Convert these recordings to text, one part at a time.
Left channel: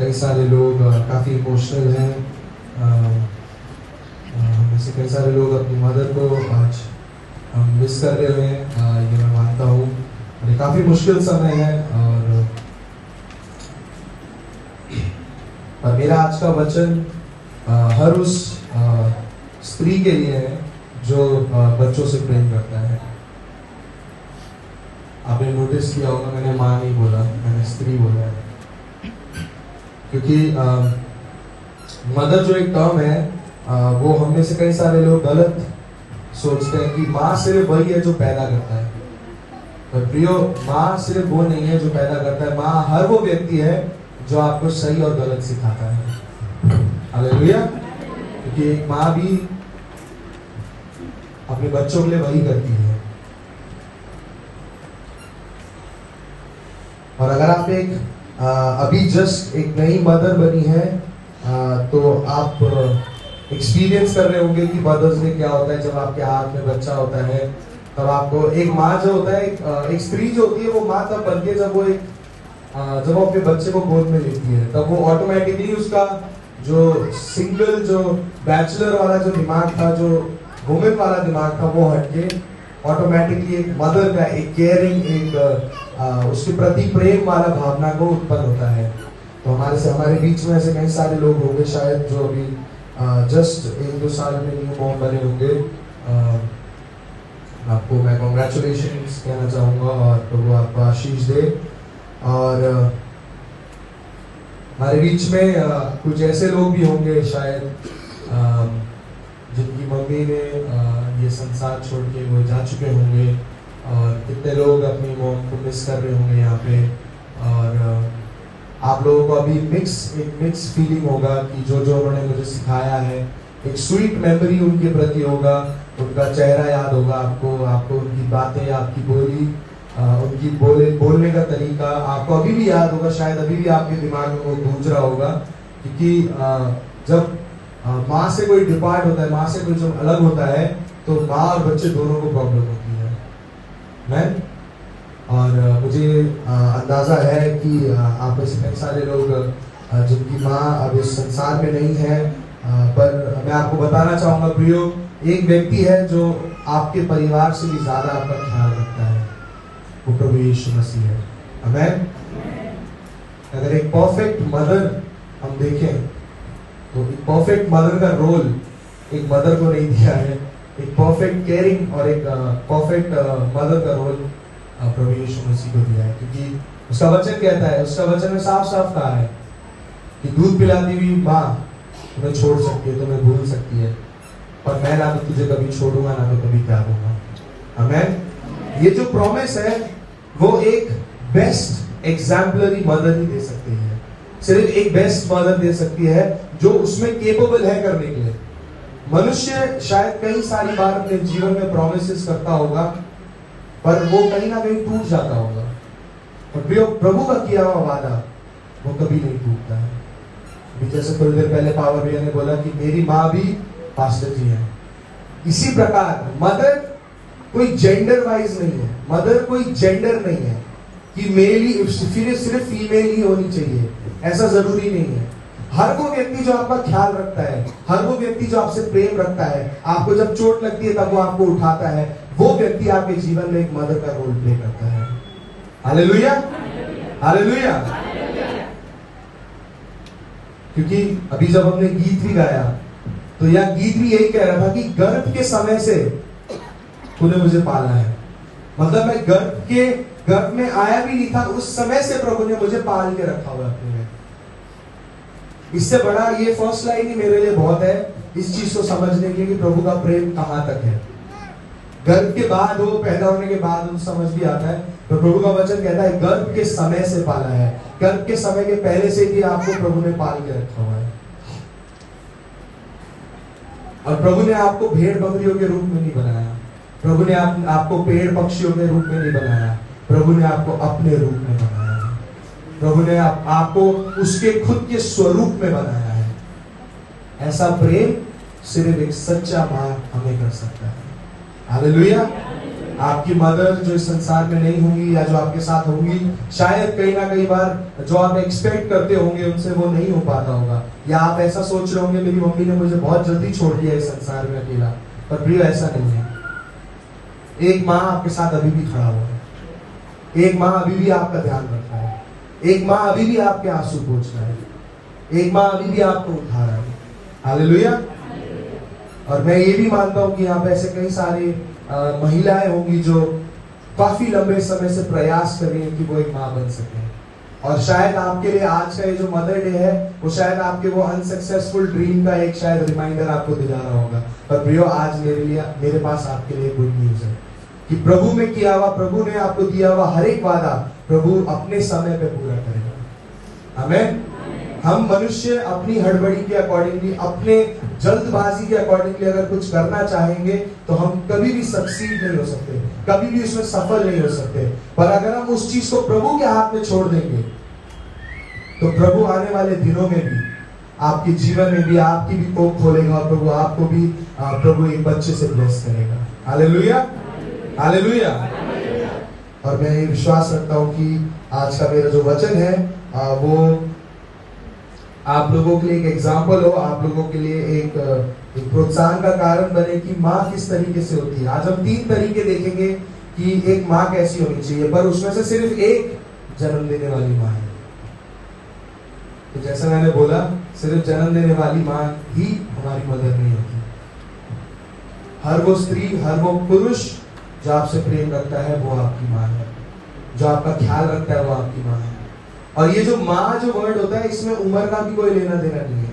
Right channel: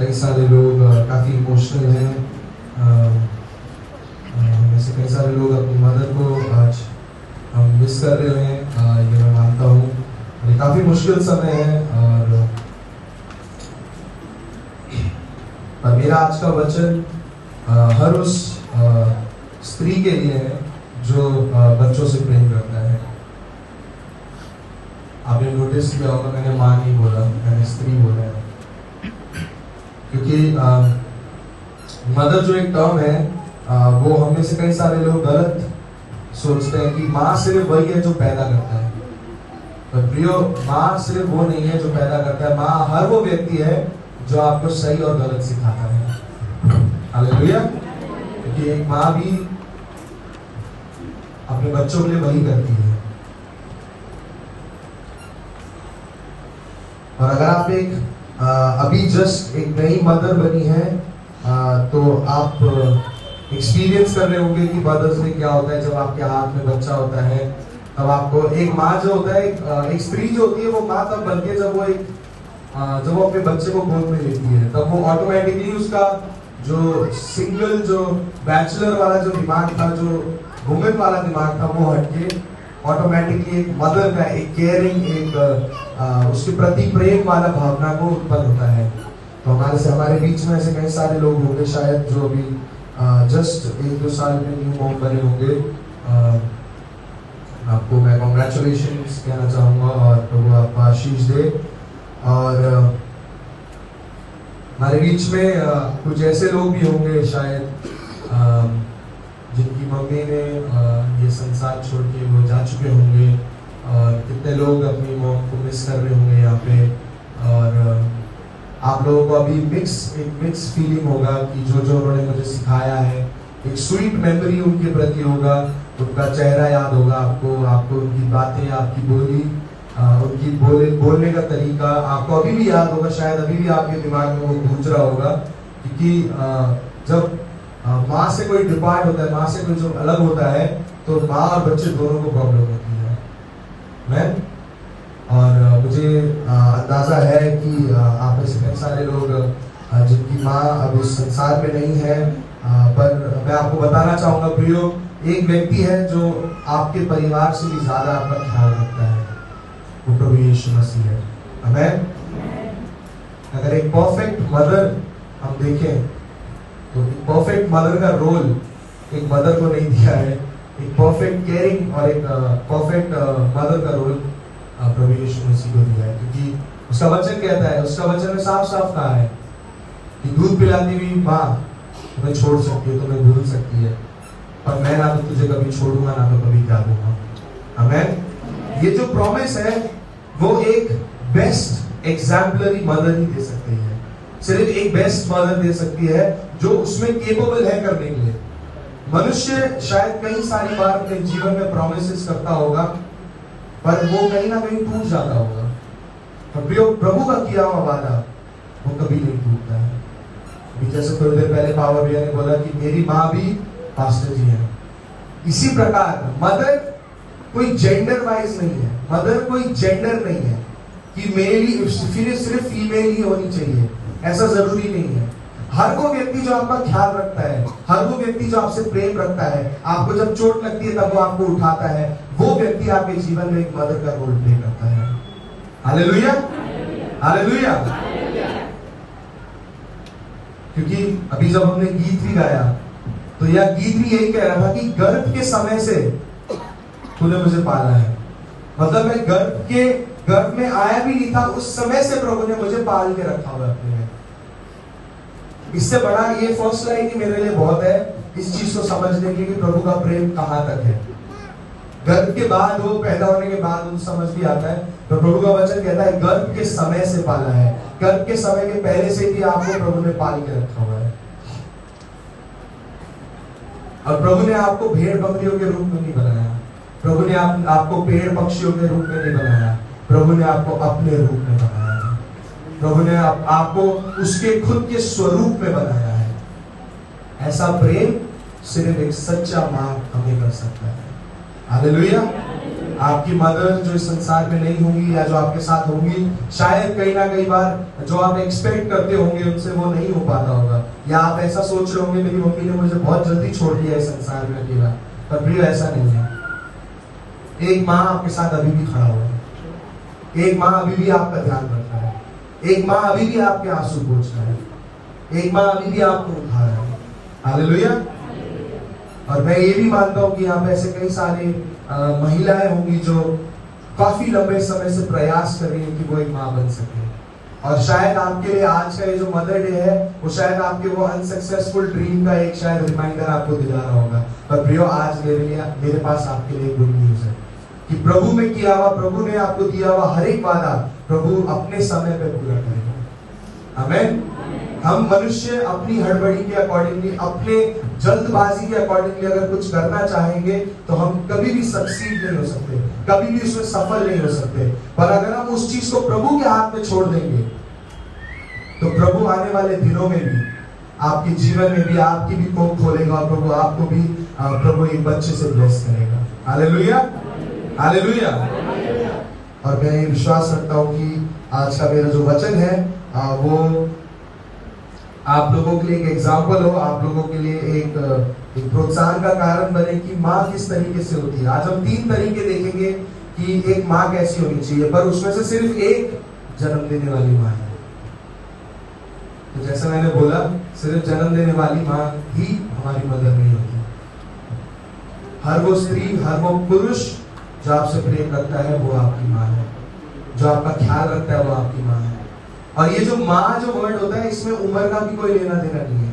कई सारे लोग काफ़ी इमोशनल हैं। में से कई सारे लोग अपनी मदर को आज मिस कर रहे हैं, ये मैं मानता हूँ। ये काफ़ी मुश्किल समय है और मेरा आज का वचन हर उस स्त्री के लिए है जो बच्चों से प्रेम करता है। आपने नोटिस किया होगा, मैंने माँ नहीं बोला, मैंने स्त्री बोला है, क्योंकि मदर जो एक टर्म है वो हम में से कई सारे लोग गलत सोचते हैं कि माँ सिर्फ वही है जो पैदा करता है। तो प्रियो, माँ सिर्फ वो नहीं है जो पैदा करता है, माँ हर वो व्यक्ति है जो आपको सही और गलत सिखाता है। हालेलुया। क्योंकि एक माँ भी अपने बच्चों के लिए वही करती है। और अगर आप एक अभी जस्ट एक नई मदर बनी है तो आप एक्सपीरियंस कर रहे होंगे कि मदर्स डे क्या होता है। जब आपके हाथ में बच्चा होता है तब आपको एक माँ जो होता है, एक स्त्री जो होती है, वो माँ तब बनती है जब वो अपने बच्चे को गोद में लेती है। तब वो ऑटोमेटिकली उसका जो सिंगल, जो बैचलर वाला जो दिमाग था, जो वुमेन वाला दिमाग था, वो हटके ऑटोमेटिकली एक मदर का, एक केयरिंग, एक उसके प्रति प्रेम वाला भावना को उत्पन्न होता है। तो हमारे बीच में ऐसे कई सारे लोग होंगे शायद जो अभी जस्ट 1-2 साल में न्यू मॉम बने होंगे। आपको मैं कॉन्ग्रेचुलेशंस कहना चाहूँगा और प्रभु आपको आशीष दे। और हमारे बीच में कुछ ऐसे लोग भी होंगे शायद जिनकी मम्मी ने ये संसार छोड़ के वो जा चुके होंगे, और कितने लोग अपनी मॉम को मिस कर रहे होंगे यहाँ पे। और आप लोगों को अभी एक मिक्स फीलिंग होगा कि जो उन्होंने मुझे सिखाया है, एक स्वीट मेमोरी उनके प्रति होगा, उनका चेहरा याद होगा आपको उनकी बातें, आपकी बोली, उनकी बोलने का तरीका आपको अभी भी याद होगा। शायद अभी भी आपके दिमाग में वो गूंज रहा होगा, क्योंकि जब माँ से कोई डिपार्ट होता है, माँ से कोई जो अलग होता है, तो माँ और बच्चे दोनों को प्रॉब्लम होती है। मैं और मुझे अंदाजा है कि आप ऐसे कई सारे लोग जिनकी माँ अब इस संसार में नहीं है, पर मैं आपको बताना चाहूंगा प्रियो, एक व्यक्ति है जो आपके परिवार से भी ज्यादा आपका ख्याल रखता है, वो प्रभु यीशु मसीह है। आमीन। अगर एक परफेक्ट मदर हम देखें तो एक परफेक्ट मदर का रोल एक मदर को नहीं दिया है। एक परफेक्ट केयरिंग और एक परफेक्ट मदर का रोल प्रभु यीशु मसीह को दिया है, क्योंकि उसका वचन कहता है, उसका वचन में साफ साफ कहा है कि दूध पिलाती हुई माँ तुम्हें छोड़ सकती है, तुम्हें भूल सकती है, पर मैं ना तो तुझे कभी छोड़ूंगा ना तो कभी त्यागूंगा। आमीन। ये जो प्रॉमिस है वो एक बेस्ट एग्जाम्पलरी मदर ही दे सकती है। सिर्फ एक बेस्ट मदर दे सकती है जो उसमें केपेबल है करने के लिए। मनुष्य शायद कई सारी बार अपने जीवन में प्रॉमिसेस करता होगा, पर वो कहीं ना कहीं टूट जाता होगा, पर प्रभु का किया हुआ वादा वो कभी नहीं टूटता है। जैसे थोड़ी देर पहले पावर भैया ने बोला कि मेरी माँ भी पास्टर जी है, इसी प्रकार मदर कोई जेंडर वाइज नहीं है। मदर कोई जेंडर नहीं है कि मेल ही सिर्फ फीमेल ही होनी चाहिए, ऐसा जरूरी नहीं है। हर वो व्यक्ति जो आपका ख्याल रखता है, हर वो व्यक्ति जो आपसे प्रेम रखता है, आपको जब चोट लगती है तब वो आपको उठाता है, वो व्यक्ति आपके जीवन में एक मदर का रोल प्ले करता है। Hallelujah, hallelujah. क्योंकि अभी जब हमने गीत भी गाया तो यह गीत भी यही कह रहा था कि गर्भ के समय से तूने मुझे पाला है। मतलब मैं गर्भ में आया भी नहीं था, उस समय से प्रभु ने मुझे पाल के रखा हुआ है। इससे बड़ा ये फर्स्ट लाइन ही मेरे लिए बहुत है इस चीज को समझने के लिए कि प्रभु का प्रेम कहां तक है। गर्भ के बाद, वो पैदा होने के बाद उनको समझ भी आता है, तो प्रभु का वचन कहता है गर्भ के समय से पाला है। गर्भ के समय के पहले से ही आपको प्रभु ने पाल के रखा हुआ है। और प्रभु ने आपको भेड़ बकरियों के रूप में नहीं बनाया, प्रभु ने आपको पेड़ पक्षियों के रूप में नहीं बनाया, प्रभु ने आपको अपने रूप में बनाया। प्रभु ने आपको उसके खुद के स्वरूप में बनाया है। ऐसा प्रेम सिर्फ एक सच्चा माँ हमें कर सकता है। हालेलुया, आपकी मदर जो इस संसार में नहीं होंगी या जो आपके साथ होंगी, शायद कहीं ना कहीं बार जो आप एक्सपेक्ट करते होंगे उनसे वो नहीं हो पाता होगा, या आप ऐसा सोच रहे होंगे मेरी मम्मी ने मुझे बहुत जल्दी छोड़ दिया इस संसार में अकेला। पर प्रिय ऐसा नहीं है। एक माँ आपके साथ अभी भी खड़ा हुआ है, एक माँ अभी भी आपका ध्यान रख रहा है, एक माँ अभी भी आपके आंसू पोंछ रहा है, एक माँ अभी भी आपको उठा रहा है। हालेलुया। और मैं ये भी मानता हूँ कि यहाँ पे ऐसे कई सारी महिलाएं होंगी जो काफी लंबे समय से प्रयास कर रही है कि वो एक माँ बन सके, और शायद आपके लिए आज का ये जो मदर डे है वो शायद आपके वो अनसक्सेसफुल ड्रीम का एक शायद रिमाइंडर आपको दिला रहा होगा। पर प्रियो, आज मेरे पास आपके लिए गुड न्यूज है कि प्रभु में किया हुआ, प्रभु ने आपको दिया हुआ हर एक वादा प्रभु अपने समय पे पूरा करेगा। आमीन। हम मनुष्य अपनी हड़बड़ी के अकॉर्डिंगली, अपने जल्दबाजी के अकॉर्डिंगली अगर कुछ करना चाहेंगे तो हम कभी भी सक्सीड नहीं हो सकते, कभी भी उसमें सफल नहीं हो सकते। पर अगर हम उस चीज को प्रभु के हाथ में छोड़ देंगे तो प्रभु आने वाले दिनों में भी आपके जीवन में भी आपकी भी कोख खोलेगा और प्रभु आपको भी प्रभु एक बच्चे से ब्लेस करेगा। Hallelujah, hallelujah. और मैं ये विश्वास रखता हूँ कि आज का मेरा जो वचन है वो आप लोगों के लिए एक एग्जाम्पल हो, आप लोगों के लिए एक प्रोत्साहन का कारण बने कि माँ किस तरीके से होती है। आज हम 3 तरीके देखेंगे कि एक माँ कैसी होनी चाहिए, पर उसमें से सिर्फ एक जन्म देने वाली माँ है। तो जैसे मैंने बोला, सिर्फ जन्म देने वाली माँ ही हमारी मदर नहीं होती। हर वो स्त्री, हर वो पुरुष जो आपसे प्रेम रखता है वो आपकी माँ है, जो आपका ख्याल रखता है वो आपकी माँ है। और ये जो माँ जो वर्ड होता है इसमें उम्र का भी कोई लेना देना नहीं है।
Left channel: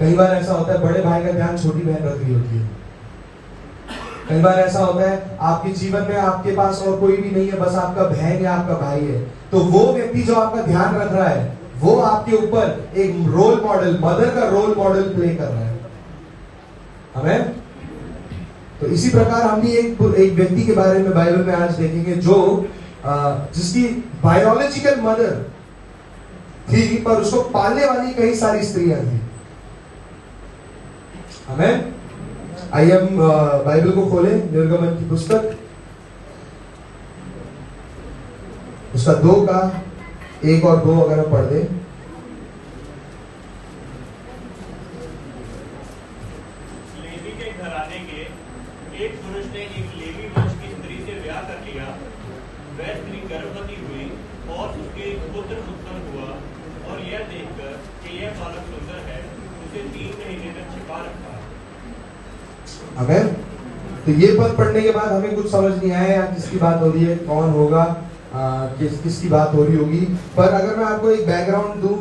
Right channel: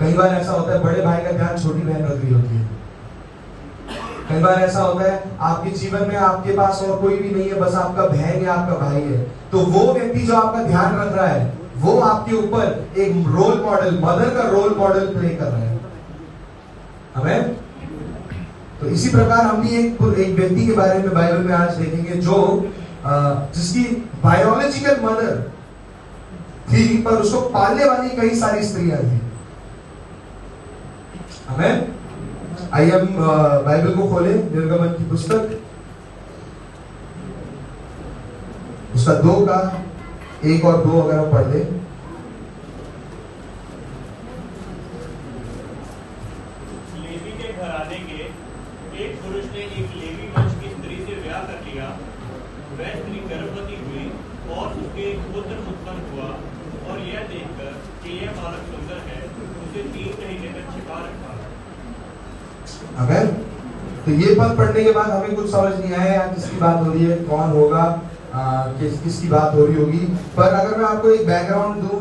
कई बार ऐसा होता है बड़े भाई का ध्यान छोटी बहन रख रही होती है, कई बार ऐसा होता है आपके जीवन में आपके पास और कोई भी नहीं है, बस आपका बहन या आपका भाई है, तो वो व्यक्ति जो आपका ध्यान रख रहा है वो आपके ऊपर एक रोल मॉडल, मदर का रोल मॉडल प्ले कर रहा है। हमें तो इसी प्रकार हम भी एक व्यक्ति के बारे में बाइबल में आज देखेंगे जो जिसकी बायोलॉजिकल मदर थी पर उसको पालने वाली कई सारी स्त्रियां थी। हमें आइए हम बाइबल को खोले, निर्गमन की पुस्तक उसका 2 का 1 और 2 अगर हम पढ़ दे। लेवी के घराने के एक पुरुष ने एक लेवी वंश की स्त्री से ब्याह कर लिया। वह स्त्री गर्भवती हुई और उसके एक पुत्र उत्पन्न हुआ, और यह देखकर कि यह बालक सुंदर है, उसे 3 महीने तक छिपा रखा। अगर तो ये पद पढ़ने के बाद हमें कुछ समझ नहीं आया किसकी बात हो रही है, कौन होगा, किसकी बात हो रही होगी। पर अगर मैं आपको एक बैकग्राउंड दूं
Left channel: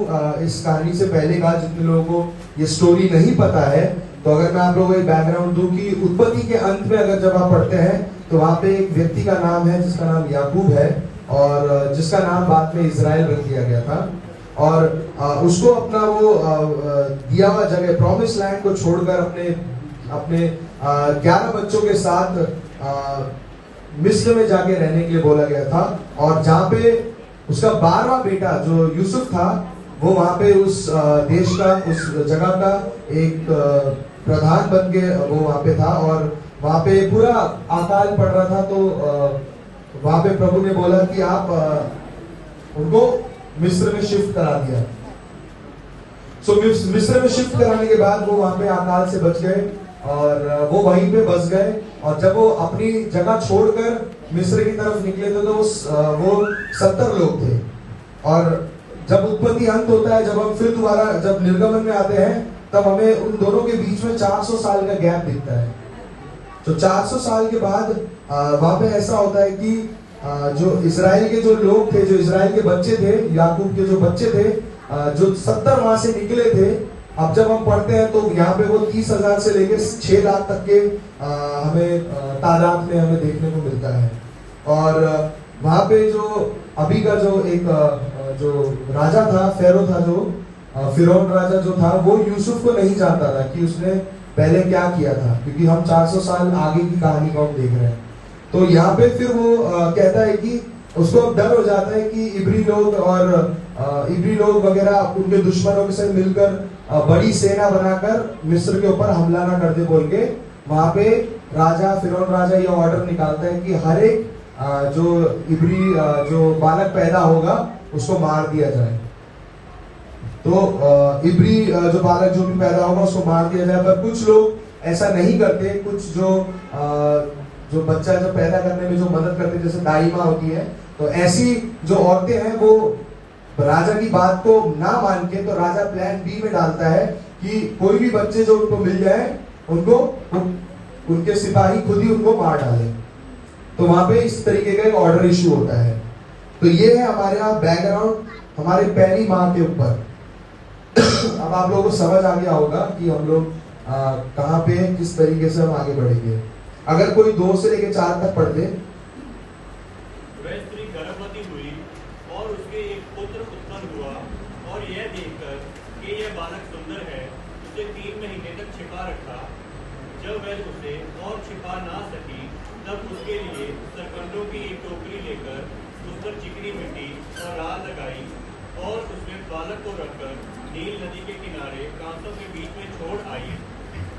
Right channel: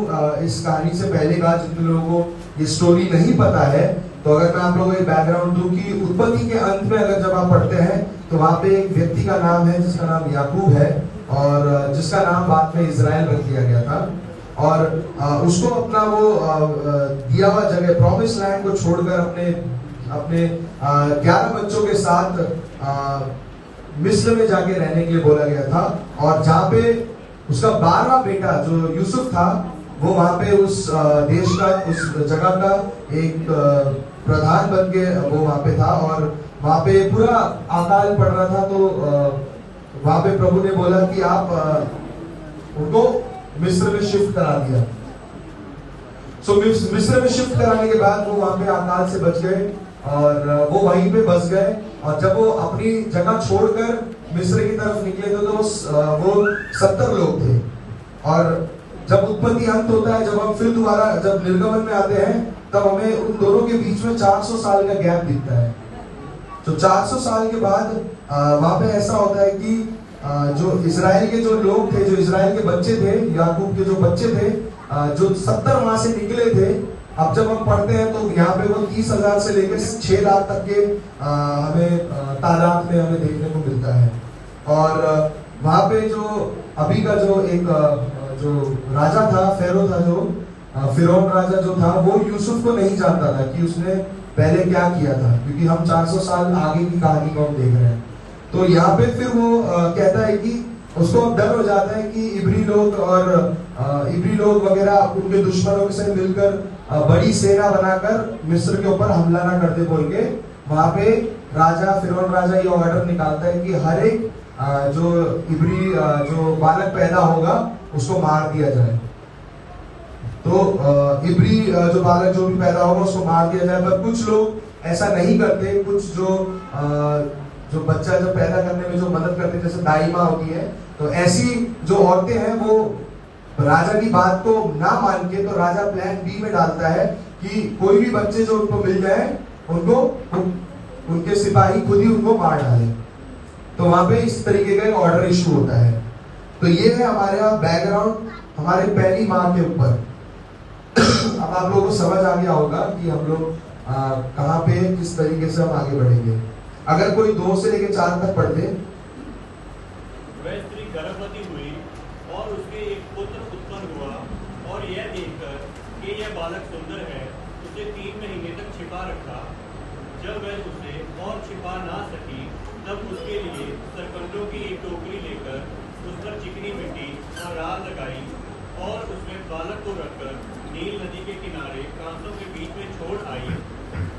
इस कहानी से पहले का, जितने लोगों को ये स्टोरी नहीं पता है, तो अगर मैं आप लोगों को एक बैकग्राउंड दूं कि उत्पत्ति के अंत में अगर जब आप पढ़ते हैं तो वहां पे एक व्यक्ति का नाम है जिसका नाम याकूब है, और जिसका नाम बाद में इजराइल रख दिया गया था। और उसको अपना वो दिया हुआ जगह प्रॉमिस लैंड को छोड़कर अपने 11 बच्चों के साथ मिस्र में जाके रहने के लिए बोला गया था। और जहाँ पे उसका 12वां बेटा जो यूसुफ था वो वहां पे उस देश का, उस जगह का एक प्रधान बन के वो वहां पे था। और वहां पे पूरा अकाल पड़ रहा था, तो वहां पे प्रभु ने बोला कि आप उनको मिस्र में शिफ्ट करा दिया। सो मिस्र में शिफ्ट कराने के बाद वो वहां पे अकाल से बच गए और वो वहीं पे बस गए। और जब वो अपनी जगह छोड़कर मिस्र की तरफ निकले थे तो वो 70 लोग थे। और जब उत्पत्ति अंत होता है, जब हम फिर दोबारा जब निर्गमन में आते हैं, तब हमें उन दोनों के बीच में 400 साल का गैप दिखता है। तो 400 साल के बाद वहां पे ऐसा होता है कि जो इजराइल के जो लोग थे, जो इजराइल के बच्चे थे, याकूब के जो बच्चे थे, जो 70 वहां से निकले थे, अब जब हम पढ़ते हैं तो यहाँ पे वो 30,000 से लेकर 6 लाख तक के हमें तादाद में हमें देखने को मिलता है। और वहां पे जो अभी का जो एक जो राजा था, फेरो था, जो फिरौन राजा जो था, वो यूसुफ को नहीं जानता था कि उसने पहले क्या किया था, क्योंकि हम 400 साल आगे की कहानी को हम देख रहे हैं। तो यहाँ पे फिर वो कहता है कि उसको अब डर हो जाता है कि इब्री लोग वगैरह उनके दुश्मनों से मिलकर बड़ी सेना बनाकर मिस्र के ऊपर हमला ना कर दे बोल के वहां पे राजा फिरौन राजा ये ऑर्डर निकालता है कि हर एक जो इब्री जो बालक पैदा होगा उसको मार दिया जाए। तो इब्री जो बालक जो भी पैदा होगा उसको मार दिया जाए। पर कुछ लोग ऐसा नहीं करते, कुछ जो बच्चा जो पैदा करने में जो मदद करते, जैसे दाई माँ होती है, तो ऐसी जो औरतें हैं वो राजा की बात को ना मान के, तो राजा प्लान बी में डालता है कि कोई भी बच्चे जो उनको मिल जाए उनको उनके सिपाही खुद ही उनको मार डाले। तो वहां पे इस तरीके का ऑर्डर इशू होता है। तो ये है हमारे यहाँ बैकग्राउंड हमारी पहली माँ के ऊपर। अब आप लोगों को समझ आ गया होगा कि हम लोग कहाँ पे किस तरीके से हम आगे बढ़ेंगे। अगर कोई 2 से लेकर 4 तक पढ़ दे। वह स्त्री गर्भवती हुई और उसके एक पुत्र उत्पन्न हुआ और यह देखकर कि यह बालक सुंदर है उसे 3 महीने तक छिपा रखा। जब वह उसे और छिपा ना सकी तब उसके लिए सरकंडों की एक टोकरी लेकर उस पर चिकनी मिट्टी और राल लगाई और उसमें बालक को रखकर नील नदी के किनारे प्रांतों के बीच में छोड़ आई।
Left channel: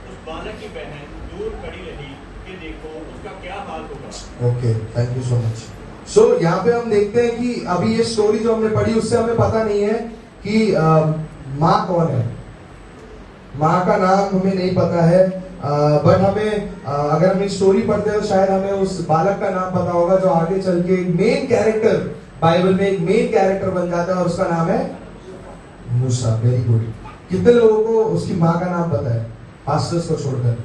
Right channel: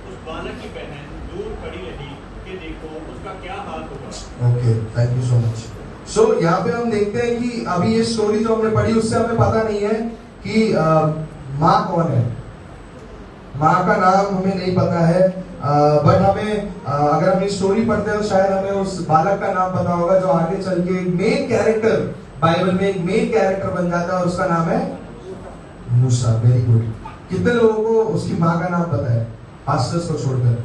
उस बालक की बहन दूर खड़ी रही कि देखो उसका क्या हाल होगा। Okay, thank you so much. So यहाँ पे हम देखते हैं कि अभी ये स्टोरी जो हमने पढ़ी उससे हमें पता नहीं है कि माँ कौन है। माँ का नाम हमें नहीं पता है, बट हमें अगर हम स्टोरी पढ़ते हैं तो शायद हमें उस बालक का नाम पता होगा जो आगे चल के मेन कैरेक्टर, बाइबल में एक मेन कैरेक्टर बन जाता है और उसका नाम है मूसा। Very good. कितने लोगों को उसकी माँ का नाम पता है, पास्टर्स को छोड़कर?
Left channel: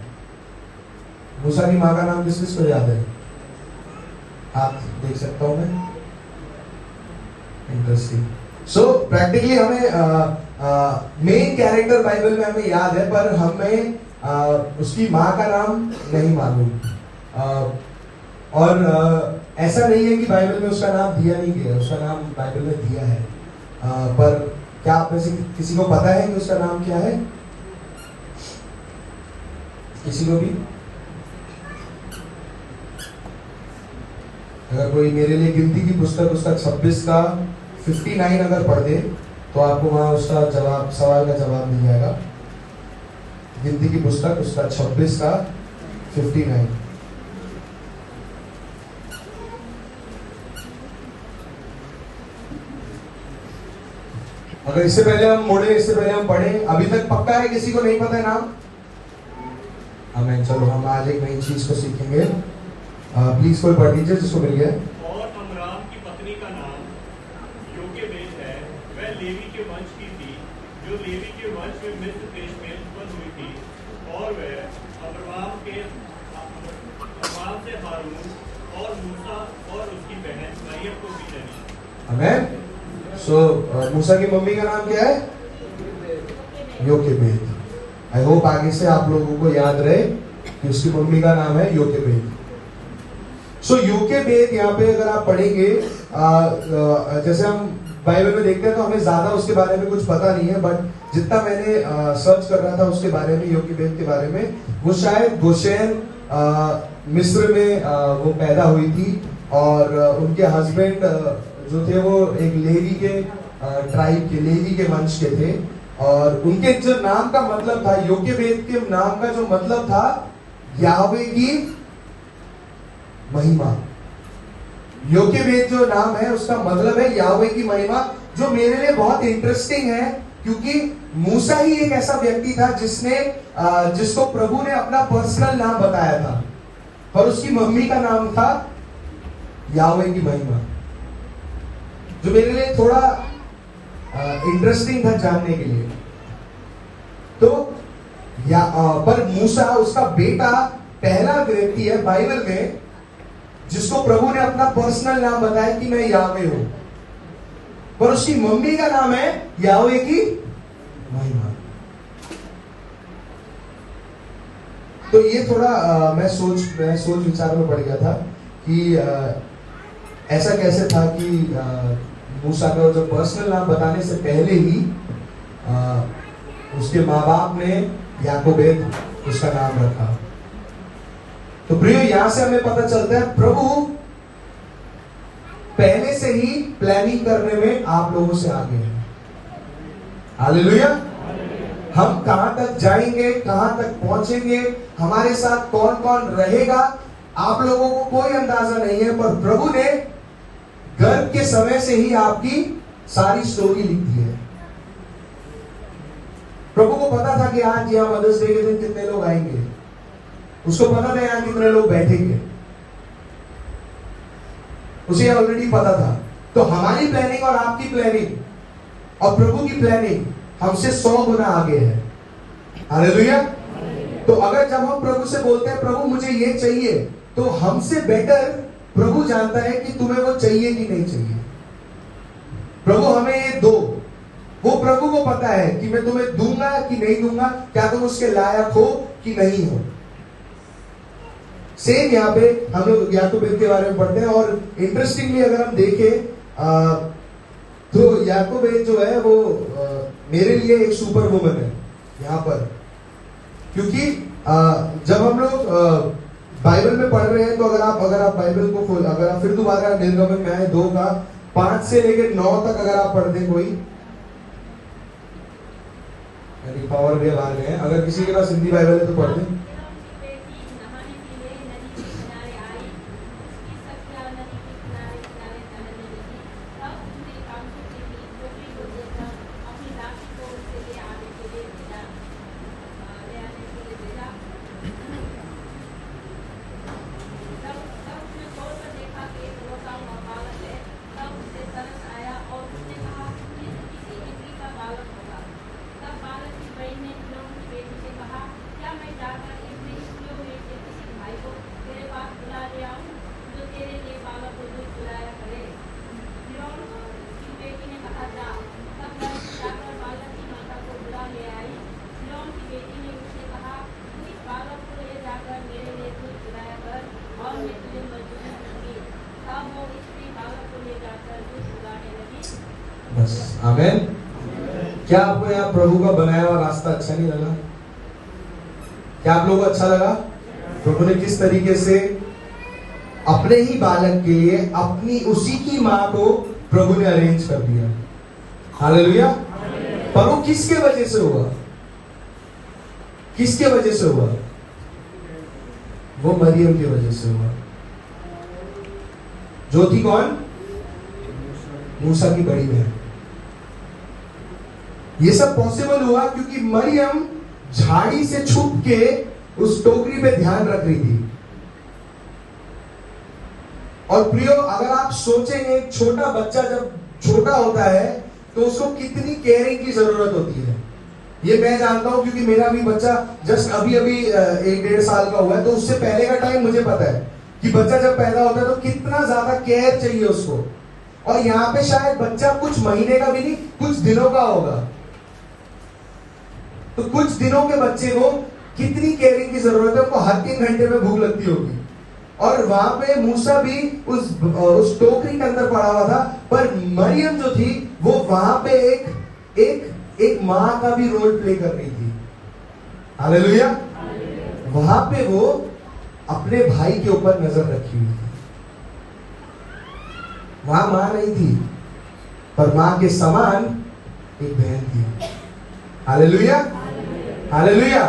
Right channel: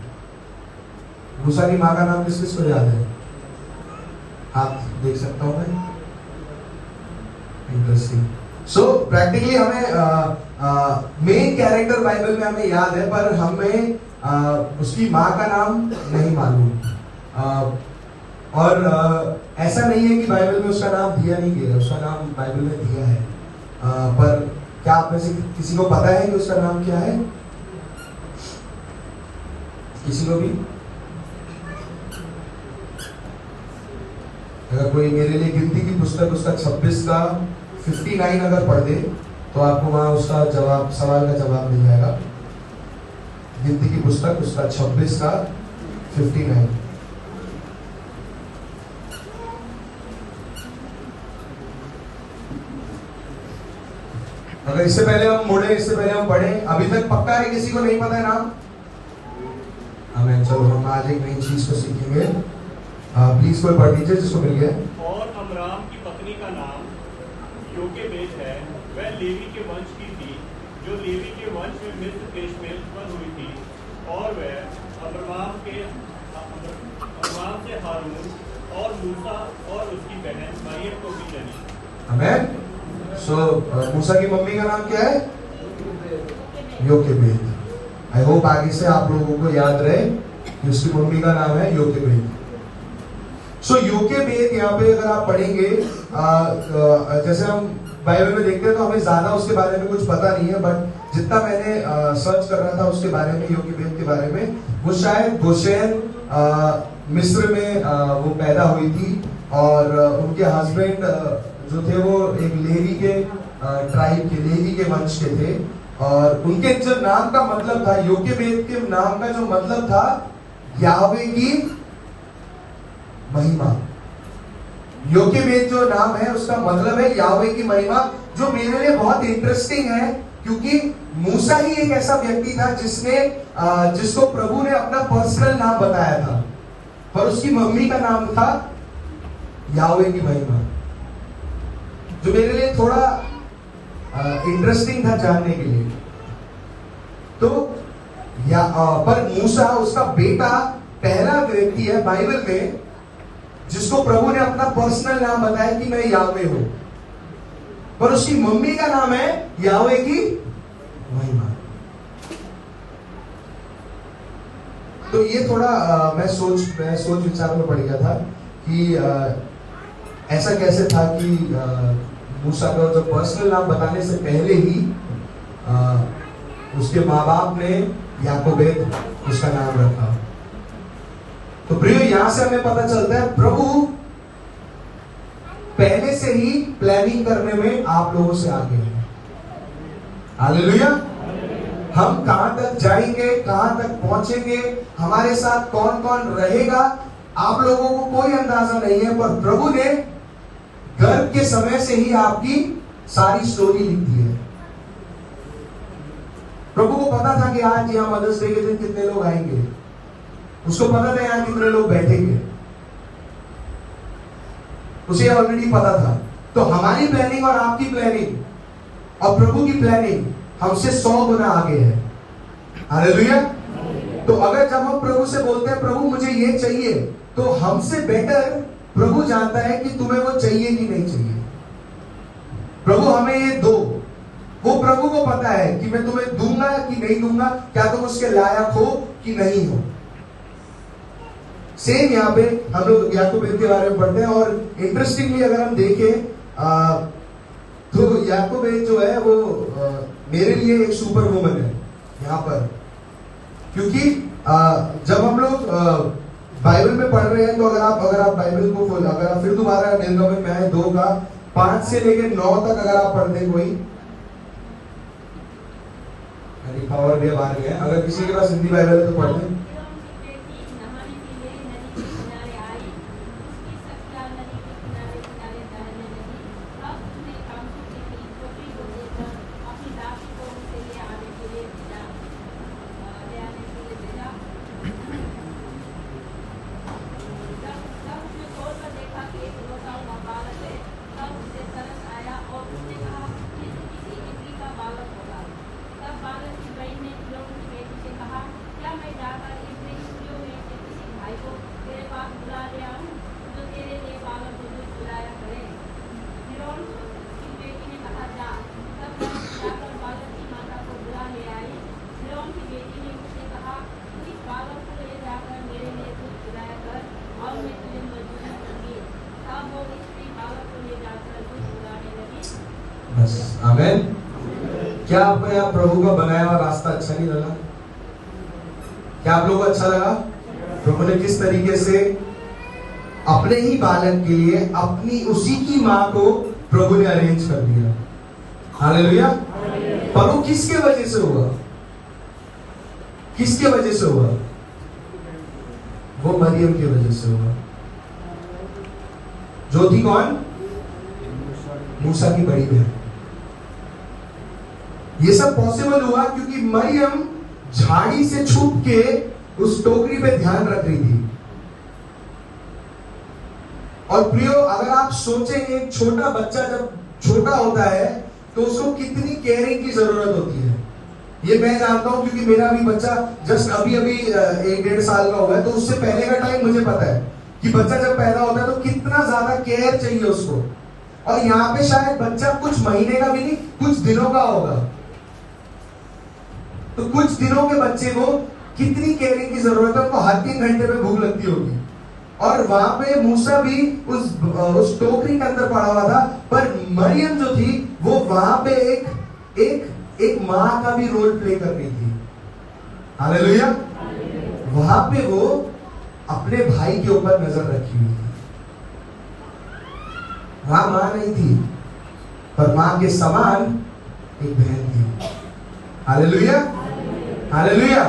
मूसा की माँ का नाम किस किस को याद है? आप देख सकता हूं मैं। इंटरेस्टिंग। सो प्रैक्टिकली हमें मेन कैरेक्टर बाइबल में हमें याद है, पर हमें उसकी माँ का नाम नहीं मालूम। और ऐसा नहीं है कि बाइबल में उसका नाम दिया नहीं गया, उसका नाम बाइबल में दिया है। पर क्या आप में से किसी को पता है कि उसका नाम क्या है? किसी को भी? अगर कोई मेरे लिए गिनती की पुस्तक उसका 26 का 59 अगर पढ़ दे तो आपको वहां उसका जवाब, सवाल का जवाब मिल जाएगा। गिनती की पुस्तक उसका 26 का 59। अगर इससे पहले हम मुड़े, इससे पहले हम पढ़े, अभी तक पक्का है किसी को नहीं पता है नाम? हमें चलो हम आज एक नई चीज को सीखेंगे। प्लीज कोई पढ़ दीजिए जिसको मिल गया। और अमराम की पत्नी का नाम योकेबेद है, वह लेवी के वंश की थी जो लेवी के वंश में मिस्र देश में उत्पन्न हुई थी। और वह अब्राहम से हारून और मूसा और उसकी बहन मरियम को भी जनी। आमेन। सो मूसा की मम्मी का नाम क्या है? योकेबेद। आई होप आगे से आप लोगों को याद रहे कि उसकी मम्मी का नाम है योकेबेद। सो योकेबेद यहाँ पे अगर आप पढ़ेंगे, जैसे हम बाइबल में देखते हैं तो हमें ज्यादा उसके बारे में कुछ पता नहीं है, बट जितना मैंने सर्च कर रहा था उसके बारे में, योकेबेद के बारे में, वो शायद गोशेन मिस्र में वो पैदा हुई थी। और उनके हस्बैंड जो थे वो एक लेवी के ट्राइब के, लेवी के वंश के थे। और उनके जो नाम का मतलब था, योकेबेद के नाम का जो मतलब था याहवे की महिमा। योकेबेद जो नाम है उसका मतलब है याहवे की महिमा, जो मेरे लिए बहुत इंटरेस्टिंग है क्योंकि मूसा ही एक ऐसा व्यक्ति था जिसको प्रभु ने अपना पर्सनल नाम बताया था, पर उसकी मम्मी का नाम था याहवे की महिमा, जो मेरे लिए थोड़ा इंटरेस्टिंग था जानने के लिए। तो पर मूसा उसका बेटा पहला व्यक्ति है बाइबल में जिसको प्रभु ने अपना पर्सनल नाम बताया कि मैं याहवे हूं, पर उसकी मम्मी का नाम है याहवे की महिमा। तो ये थोड़ा मैं सोच विचार में पड़ गया था कि ऐसा कैसे था कि मूसा का जो पर्सनल नाम बताने से पहले ही उसके माँ बाप ने याकोबेद उसका नाम रखा। तो प्रिय, यहां से हमें पता चलता है प्रभु पहले से ही प्लानिंग करने में आप लोगों से आगे हैं। हालेलुया। हम कहां तक जाएंगे, कहां तक पहुंचेंगे, हमारे साथ कौन कौन रहेगा, आप लोगों को कोई अंदाजा नहीं है। पर प्रभु ने गर्भ के समय से ही आपकी सारी स्टोरी लिख दी है। प्रभु को पता था कि आज यहां मदर्स डे के दिन कितने लोग आएंगे, उसको पता था यहां कितने लोग बैठेंगे, उसे ऑलरेडी पता था। तो हमारी प्लानिंग और आपकी प्लानिंग और प्रभु की प्लानिंग हमसे 100 गुना आगे है। हालेलुया। तो अगर जब हम प्रभु से बोलते हैं प्रभु मुझे ये चाहिए, तो हमसे बेटर प्रभु जानता है कि तुम्हें वो चाहिए कि नहीं चाहिए। प्रभु हमें ये दो, वो प्रभु को पता है कि मैं तुम्हें दूंगा कि नहीं दूंगा, क्या तुम उसके लायक हो कि नहीं हो। सेम यहाँ पे हम लोग याकूब के बारे में पढ़ते हैं, और इंटरेस्टिंगली अगर हम देखें तो याकूब जो है वो मेरे लिए एक सुपर वुमन है यहाँ पर। क्योंकि जब हम लोग बाइबल में पढ़ रहे हैं, तो अगर आप बाइबल को अगर आप फिर दोबारा निर्गमन में आए 2 का 5 से लेकर 9 तक अगर आप पढ़ते हैं, कोई पावर भी बाहर गए, अगर किसी के पास हिंदी बाइबल है तो पढ़ दें। बस आमीन। क्या आपको यहाँ प्रभु का बनाया हुआ रास्ता अच्छा नहीं लगा? क्या आप लोगों को अच्छा लगा? प्रभु ने किस तरीके से अपने ही बालक के लिए अपनी उसी की माँ को प्रभु ने अरेंज कर दिया। हालेलुया। पर वो किसके वजह से हुआ? किसके वजह से हुआ? वो मरियम की वजह से हुआ, जो थी कौन? मूसा की बड़ी बहन। ये सब पॉसिबल हुआ क्योंकि मरियम झाड़ी से छुप के उस टोकरी पे ध्यान रख रही थी। और प्रियो, अगर आप सोचेंगे एक छोटा बच्चा जब छोटा होता है तो उसको कितनी केयरिंग की जरूरत होती है, ये मैं जानता हूं क्योंकि मेरा भी बच्चा जस्ट अभी 1-1.5 साल का हुआ है। तो उससे पहले का टाइम मुझे पता है कि बच्चा जब पैदा होता है तो कितना ज्यादा केयर चाहिए उसको। और यहाँ पे शायद बच्चा कुछ महीने का भी नहीं, कुछ दिनों का होगा। तो कुछ दिनों के बच्चे को कितनी केयरिंग की जरूरत है, उनको हर 3 घंटे में भूख लगती होगी। और वहां पे मूसा भी उस टोकरी के अंदर पड़ा हुआ था, पर मरियम जो थी वो वहां पे एक माँ का भी रोल प्ले कर रही थी। हालेलुया। वहां पे वो अपने भाई के ऊपर नजर रखी हुई थी। वहां मां नहीं थी, पर मां के समान एक बहन थी। हालेलुया। हालेलुया।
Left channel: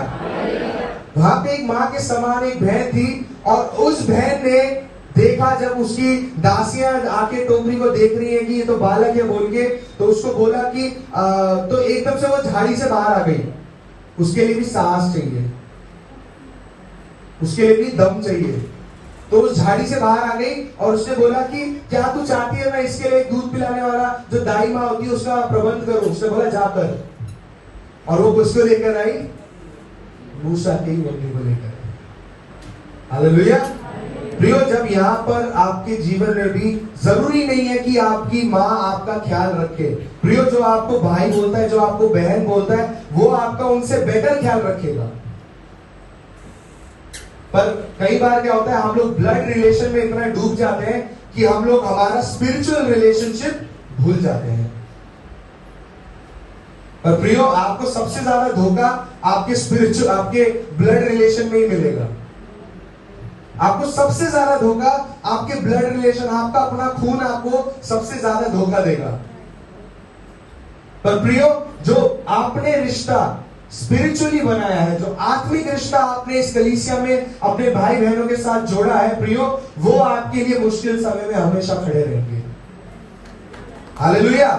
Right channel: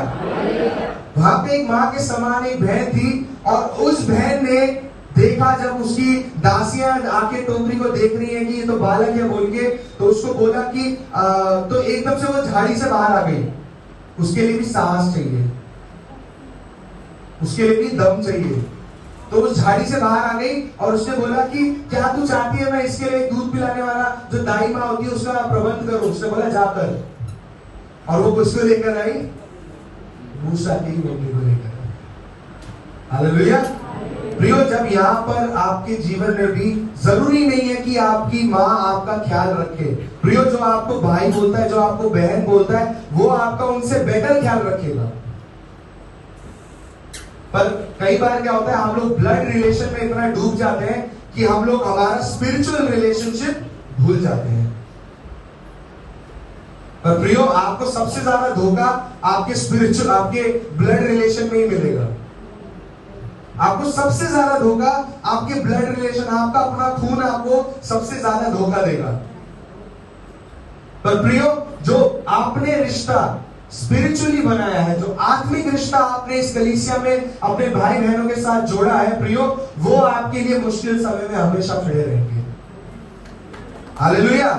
वहां पे एक मां के समान एक बहन थी, और उस बहन ने देखा, जब उसकी दासियां आके टोकरी को देख रही है कि ये तो बालक है बोल के, तो उसको बोला कि तो एकदम से वो झाड़ी से बाहर आ गई। उसके लिए भी साहस चाहिए, उसके लिए भी दम चाहिए। तो उस झाड़ी से बाहर आ गई और उसने बोला कि क्या तू चाहती है मैं इसके लिए दूध पिलाने वाला जो दाई माँ होती है उसका प्रबंध करूं? उसने बोला जाकर। और वो किसको लेकर आई? मूसा की बेटी को लेकर। हालेलुया। प्रियो, जब यहाँ पर आपके जीवन में भी जरूरी नहीं है कि आपकी माँ आपका ख्याल रखे। प्रियो, जो आपको भाई बोलता है, जो आपको बहन बोलता है, वो आपका उनसे बेटर ख्याल रखेगा। पर कई बार क्या होता है, हम लोग ब्लड रिलेशन में इतना डूब जाते हैं कि हम लोग हमारा स्पिरिचुअल रिलेशनशिप भूल जाते हैं। पर प्रियो, आपको सबसे ज्यादा धोखा आपके स्पिरिचुअल, आपके ब्लड रिलेशन में ही मिलेगा। आपको सबसे ज्यादा धोखा आपके ब्लड रिलेशन, आपका अपना खून आपको सबसे ज्यादा धोखा देगा। पर प्रियो, जो आपने रिश्ता स्पिरिचुअली बनाया है, जो आत्मिक रिश्ता आपने इस कलीसिया में अपने भाई बहनों के साथ जोड़ा है प्रियो, वो आपके लिए मुश्किल समय में हमेशा खड़े रहेंगे। हालेलुया।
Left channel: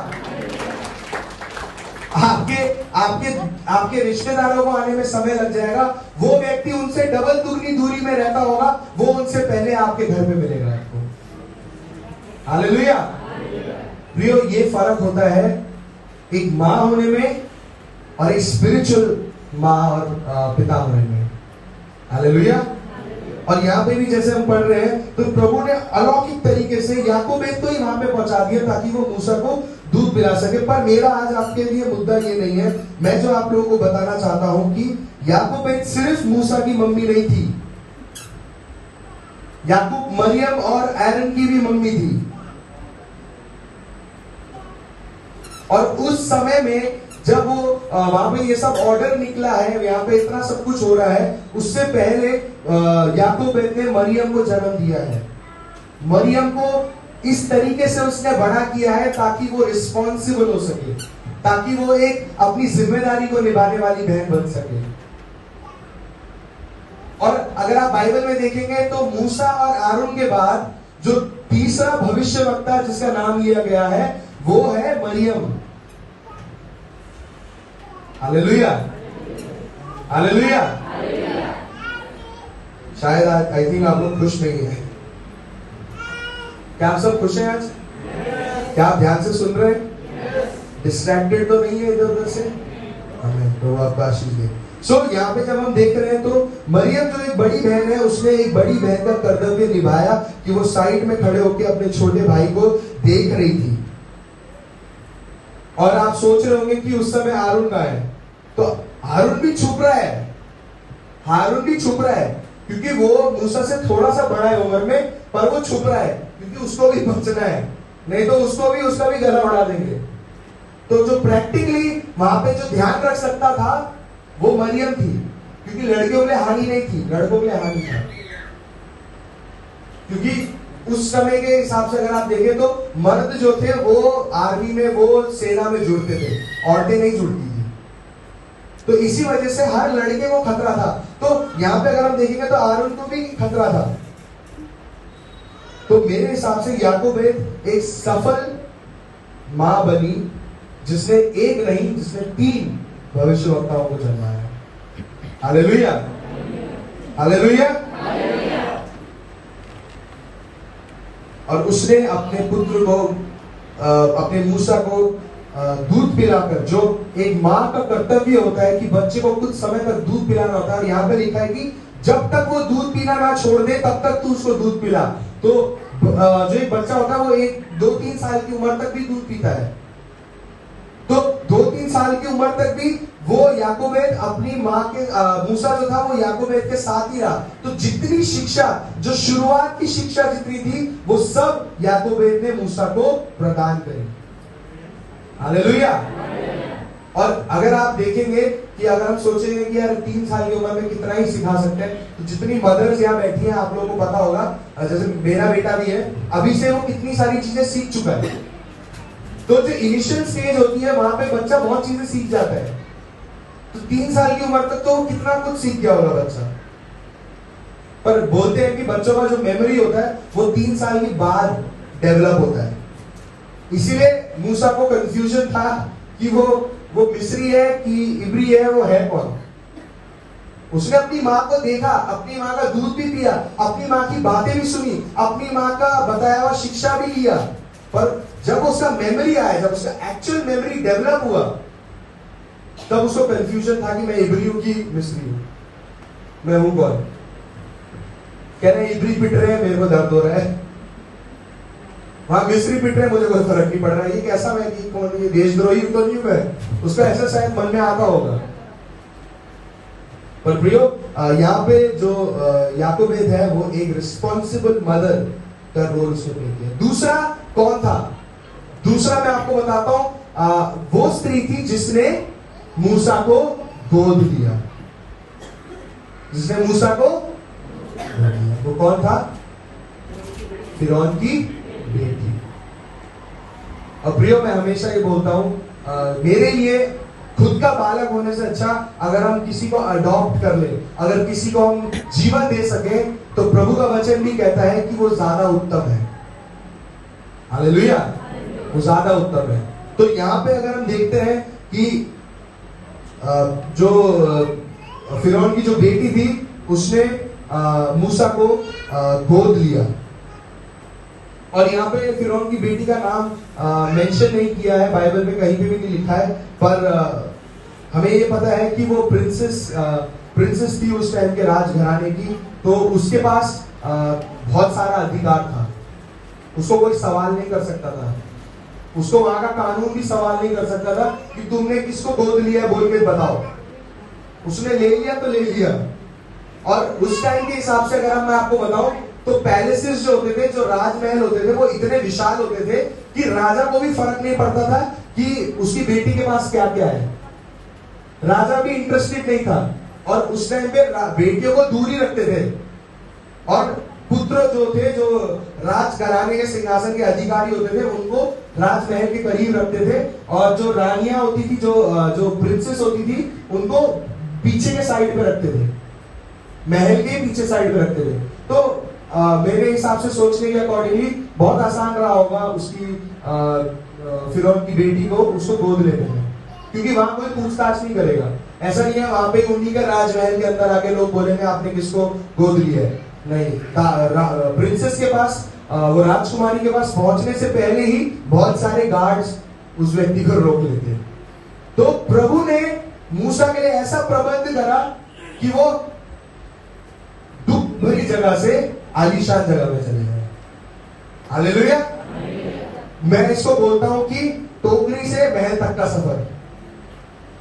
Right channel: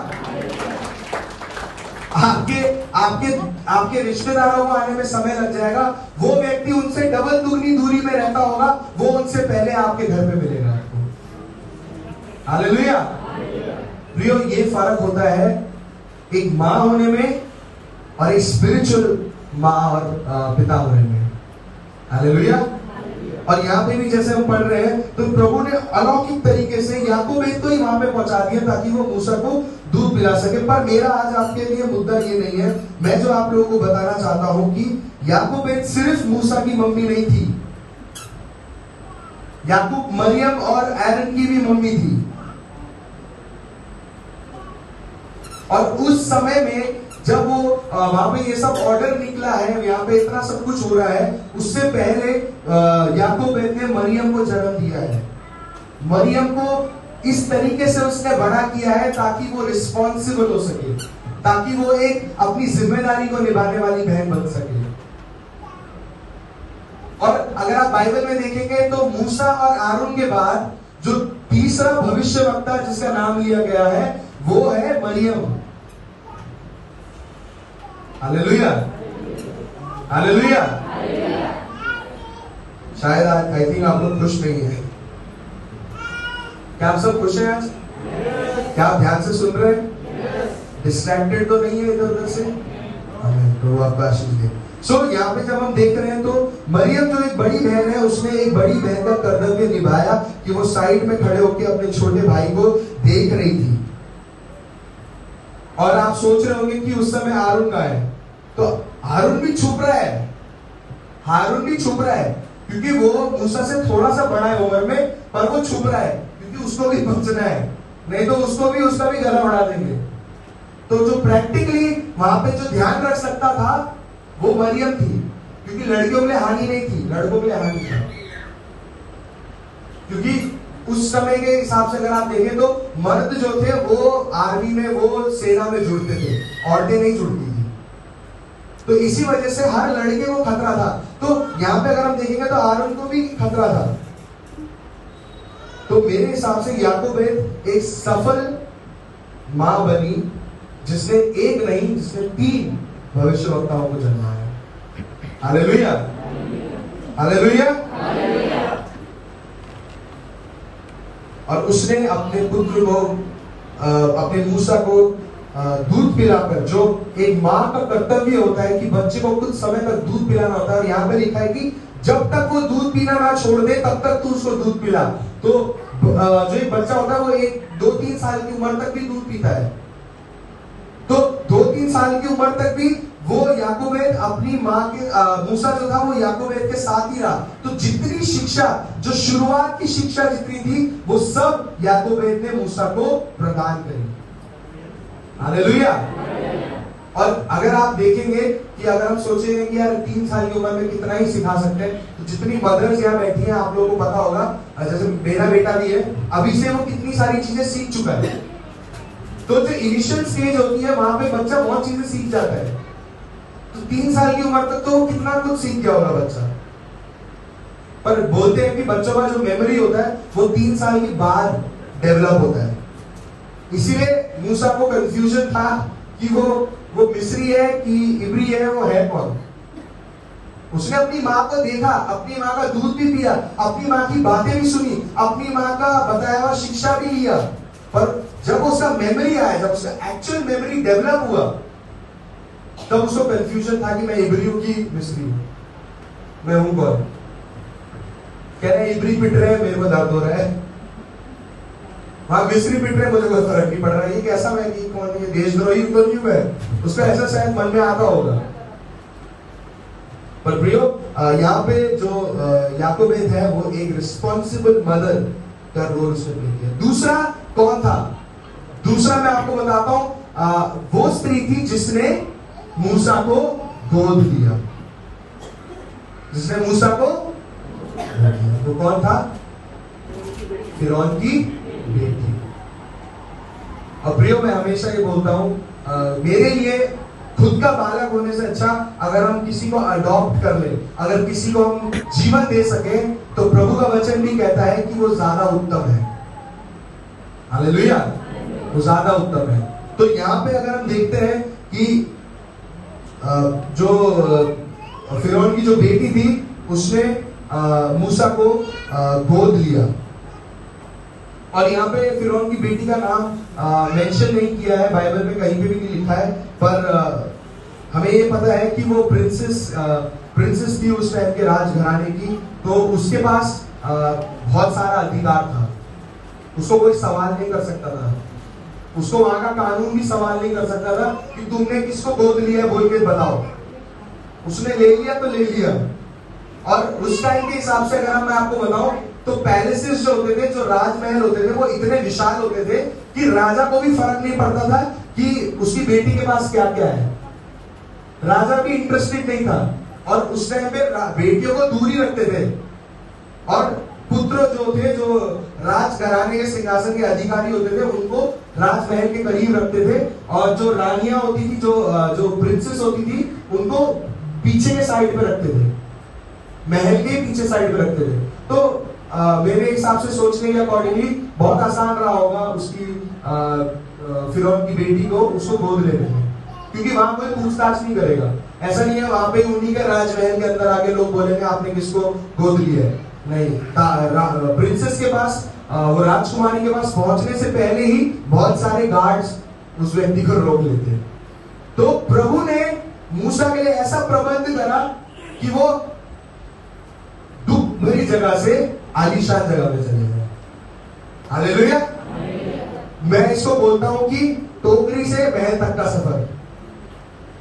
आपके आपके आपके रिश्तेदारों को आने में समय लग जाएगा, वो व्यक्ति उनसे डबल दुगनी दूरी में रहता होगा, वो उनसे पहले आपके घर में मिलेगा आपको। हालेलुया। प्रियो, ये फर्क होता है एक माँ होने में और एक स्पिरिचुअल माँ और पिता होने में। हालेलुया। और यहाँ पे भी जैसे हम पढ़ रहे हैं, तो प्रभु ने अलौकिक तरीके से याकूब तो ही वहां पे पहुंचा दिया ताकि वो मूसा को दूध पिला सके। पर मेरा आज आपके लिए मुद्दा ये नहीं है, मैं जो आप लोगों को बताना चाहता हूं कि याकूब सिर्फ मूसा की मम्मी नहीं थी, याकूब मरियम और एरन की भी मम्मी थी। और उस समय में जब वो वहां पे ये सब ऑर्डर निकला है, यहाँ पे इतना सब कुछ हो रहा है, उससे पहले याकूब ने मरियम को जन्म दिया है। मरियम को इस तरीके से उसने बड़ा किया है ताकि वो रिस्पॉन्सिबल हो सके, ताकि वो एक अपनी जिम्मेदारी को निभाने वाली बहन बन सके। और अगर आप बाइबल में देखेंगे तो मूसा और आरोन के बाद जो तीसरा भविष्यवक्ता जिसका नाम लिया गया है वो है मरियम। Hallelujah, hallelujah. शायद आज आई थिंक आप लोग खुश नहीं है। क्या आप सब खुश हैं आज? क्या आप ध्यान से सुन रहे हैं? डिस्ट्रैक्टेड तो नहीं है इधर उधर से? तो आपका आशीष दे। सो यहाँ पे जब हम देख रहे हैं तो मरियम जो एक बड़ी बहन है, उसने एक बड़ी बहन का कर्तव्य निभाया कि वो साइड में खड़े होकर अपने छोटे भाई को देख रही थी। और आप सोच रहे होंगे कि उस समय हारून का है, तो हारून भी छुप रहा है, हारून भी छुप रहा है क्योंकि वो मूसा से थोड़ा सा बड़ा है उम्र में, पर वो छुप रहा है क्योंकि उसको भी बचना है, नहीं तो उसका भी गला उड़ा देंगे। तो जो प्रैक्टिकली वहां पे जो ध्यान रख सकता था वो मरियम थी, क्योंकि लड़कियों के लिए हानि नहीं थी, लड़कों के लिए हानि था। क्योंकि उस समय के हिसाब से अगर आप देखें तो मर्द जो थे वो आर्मी में, वो सेना में जुड़ते थे, औरतें नहीं जुड़ती थी। तो इसी वजह से हर लड़के को खतरा था। तो यहाँ पे अगर हम देखेंगे तो आरोन को भी खतरा था। तो मेरे हिसाब से याकूब एक सफल मां बनी, जिसने एक नहीं, जिसने 3 भविष्यवक्ताओं को जन्माया। Hallelujah, hallelujah. और उसने अपने पुत्र को, अपने मूसा को दूध पिलाकर, जो एक माँ का कर्तव्य होता है कि बच्चे को कुछ समय तक दूध पिलाना होता है। और यहाँ पे लिखा है कि जब तक वो दूध पीना ना छोड़ दे तब तक तू उसको दूध पिला। तो जो एक बच्चा होता है वो 2-3 साल की उम्र तक भी दूध पीता है। तो 2-3 साल की उम्र तक भी वो याकूब अपनी माँ के, मूसा जो था वो याकूब के साथ ही रहा। तो जितनी शिक्षा, जो शुरुआत की शिक्षा जितनी थी, वो सब याकूब ने मूसा को प्रदान करी। हालेलुया। और अगर आप देखेंगे कि अगर हम सोचेंगे कि यार 3 साल की उम्र में कितना ही सिखा सकते हैं, तो जितनी मदर्स यहाँ बैठी हैं आप लोगों को पता होगा, जैसे मेरा बेटा भी है, अभी से वो कितनी सारी चीजें सीख चुका है। तो जो इनिशियल स्टेज होती है वहां पे बच्चा बहुत चीजें सीख जाता है। तो 3 साल की उम्र तक तो कितना कुछ सीख गया होगा बच्चा। पर बोलते हैं कि बच्चों का जो मेमोरी होता है वो 3 साल के बाद डेवलप होता है। इसीलिए मूसा को कंफ्यूजन था कि वो मिस्री है कि इब्री है, वो है कौन। उसने अपनी माँ को देखा, अपनी माँ का दूध भी पिया, अपनी माँ की बातें भी सुनी, अपनी माँ का बताया हुआ शिक्षा भी लिया। पर जब उसका मेमोरी आया, जब उसका एक्चुअल मेमोरी डेवलप हुआ, तब उसको कंफ्यूजन था कि मैं इब्री हूं कि मिस्री हूं, मैं हूं कौन। कह रहे इब्री पिट रहे हैं, मेरे को दर्द हो रहा है, वहां मिस्री पिट रहे, मुझे कोई फर्क नहीं पड़ रहा है। ये कैसा मैं कि कौन, ये देशद्रोही तो नहीं हुआ, उसका ऐसा शायद मन में आता होगा। पर प्रियो, यहाँ पे जो याकूब है वो एक रिस्पॉन्सिबल मदर का रोल उसने प्ले किया। दूसरा कौन था? दूसरा मैं आपको बताता हूं, वो स्त्री थी जिसने मूसा को गोद दिया, जिसने मूसा को गोद दिया। वो कौन था? फिरौन की बेटी। और प्रियो, मैं हमेशा ये बोलता हूं, मेरे लिए खुद का बालक होने से अच्छा अगर हम किसी को अडॉप्ट कर ले, अगर किसी को हम जीवन दे सके, तो प्रभु का वचन भी कहता है कि वो ज्यादा उत्तम है। हालेलुया, वो ज्यादा उत्तम है। तो यहाँ पे अगर हम देखते हैं कि जो फिरौन की जो बेटी थी उसने मूसा को गोद लिया, और यहाँ पे फिरौन की बेटी का नाम मेंशन नहीं किया है, बाइबल में कहीं पे भी नहीं लिखा है, पर हमें ये पता है कि वो प्रिंसेस थी उस टाइम के राजघराने की, तो उसके पास बहुत सारा अधिकार था, उसको कोई सवाल नहीं कर सकता था, उसको वहां का कानून भी सवाल नहीं कर सकता था कि तुमने किसको गोद लिया बोल के बताओ। उसने ले लिया तो ले लिया। और उस टाइम के हिसाब से अगर मैं आपको बताऊं तो पैलेसेस जो होते थे, जो राजमहल होते थे, वो इतने विशाल होते थे कि राजा को भी फर्क नहीं पड़ता था कि उसकी बेटी के पास क्या क्या है। राजा भी इंटरेस्टेड नहीं था, और उस टाइम पे बेटियों को दूर ही रखते थे, और पुत्र जो थे, जो राजघराने के सिंहासन के अधिकारी होते थे, उनको राजमहल के करीब रखते थे, और जो रानियां होती थी, जो प्रिंसेस होती थी, उनको पीछे के साइड पे रखते थे, महल के पीछे साइड पे रखते थे। तो मेरे हिसाब से सोचने के अकॉर्डिंगली बहुत आसान रहा होगा उसकी फिरौन की बेटी को उसको गोद लेने में, क्योंकि वहां कोई पूछताछ नहीं करेगा। ऐसा नहीं है वहां पे उन्हीं के राजमहल के अंदर आके लोग बोलेंगे आपने किसको गोद लिया है, नहीं। प्रिंसेस के पास, वो राजकुमारी के पास पहुंचने से पहले ही बहुत सारे गार्ड्स उस व्यक्ति को रोक लेते हैं। तो प्रभु ने मूसा के लिए ऐसा प्रबंध करा कि वो दुख भरी जगह से आलीशान जगह में चले गए। हालेलुया। मैं इसको बोलता हूं कि टोकरी से महल तक का सफर।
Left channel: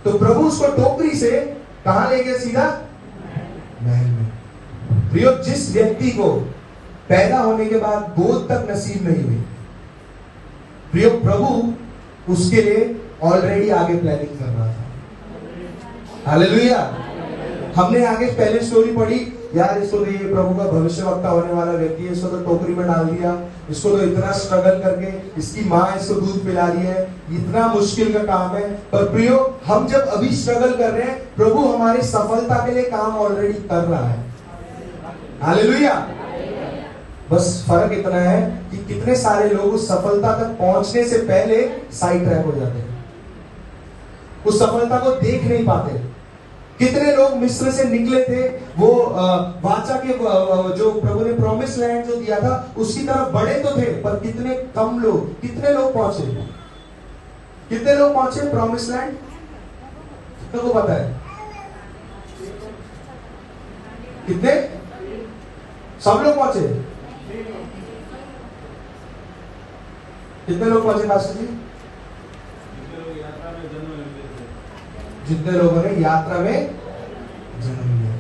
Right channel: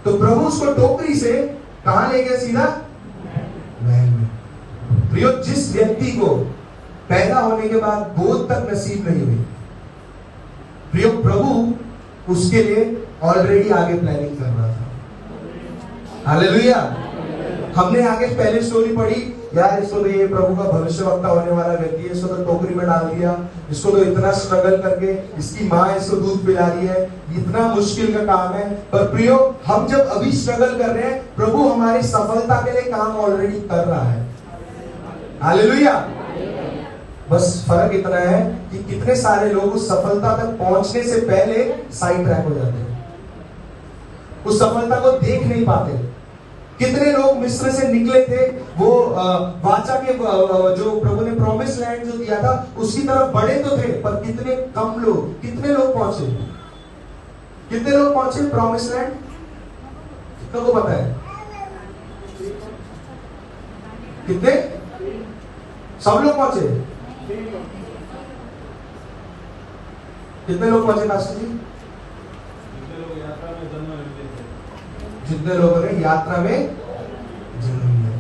तो प्रभु उसको टोकरी से कहां ले गए? सीधा महल में। प्रियो, जिस व्यक्ति को पैदा होने के बाद गोद तक नसीब नहीं हुई, प्रियो प्रभु उसके लिए ऑलरेडी आगे प्लानिंग कर रहा था। हालेलुया। हमने आगे पहले स्टोरी पढ़ी, यार इसको तो ये प्रभु का भविष्यवक्ता होने वाला व्यक्ति है, इसको तो टोकरी में डाल दिया, इसको तो इतना स्ट्रगल करके इसकी माँ इसको दूध पिला रही है, इतना मुश्किल का काम है। पर प्रियो, हम जब अभी स्ट्रगल कर रहे हैं, प्रभु हमारी सफलता के लिए काम ऑलरेडी कर रहा है। हालेलुया। बस फर्क इतना है कि कितने सारे लोग उस सफलता तक पहुंचने से पहले साइड ट्रैक हो जाते हैं, उस सफलता को देख नहीं पाते। कितने लोग मिस्र से निकले थे, वो वाचा के जो प्रभु ने प्रॉमिस लैंड जो दिया था उसकी तरफ बढ़े तो थे, पर कितने कम लोग, कितने लोग पहुंचे, कितने लोग पहुंचे प्रॉमिस लैंड? कितनों को पता है? कितने? सब लोग पहुंचे? कितने लोग पहुंचे पास्टर जी? जितने लोगों ने यात्रा में जन्म लिया।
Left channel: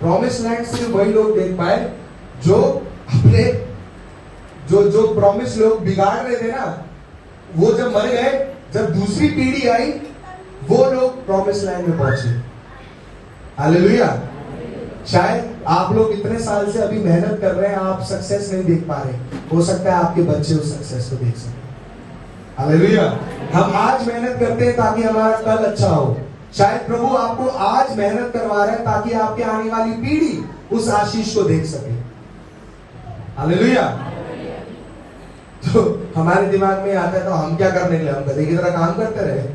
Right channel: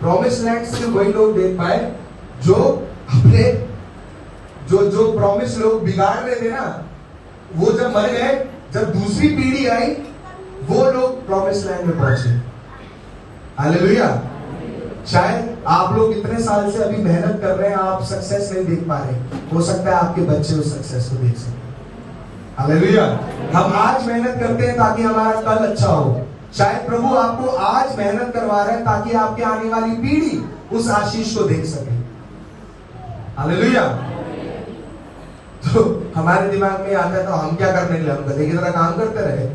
प्रॉमिस लैंड सिर्फ वही लोग देख पाए जो अपने जो प्रॉमिस लोग बिगाड़ रहे थे ना, वो जब मर गए, जब दूसरी पीढ़ी आई, वो लोग प्रॉमिस लैंड में पहुंचे। हालेलुया। शायद आप लोग इतने साल से अभी मेहनत कर रहे हैं, आप सक्सेस नहीं देख पा रहे, हो सकता है आपके बच्चे उस सक्सेस को देख सकें। हालेलुया। हम आज मेहनत करते हैं ताकि हमारा कल अच्छा हो। शायद प्रभु आपको आज मेहनत करवा रहे हैं ताकि आपकी आने वाली पीढ़ी उस आशीष को देख सके। हालेलुया। तो हमारे दिमाग में आता है तो हम क्या करने के लिए, हम गधे की तरह काम करते रहे,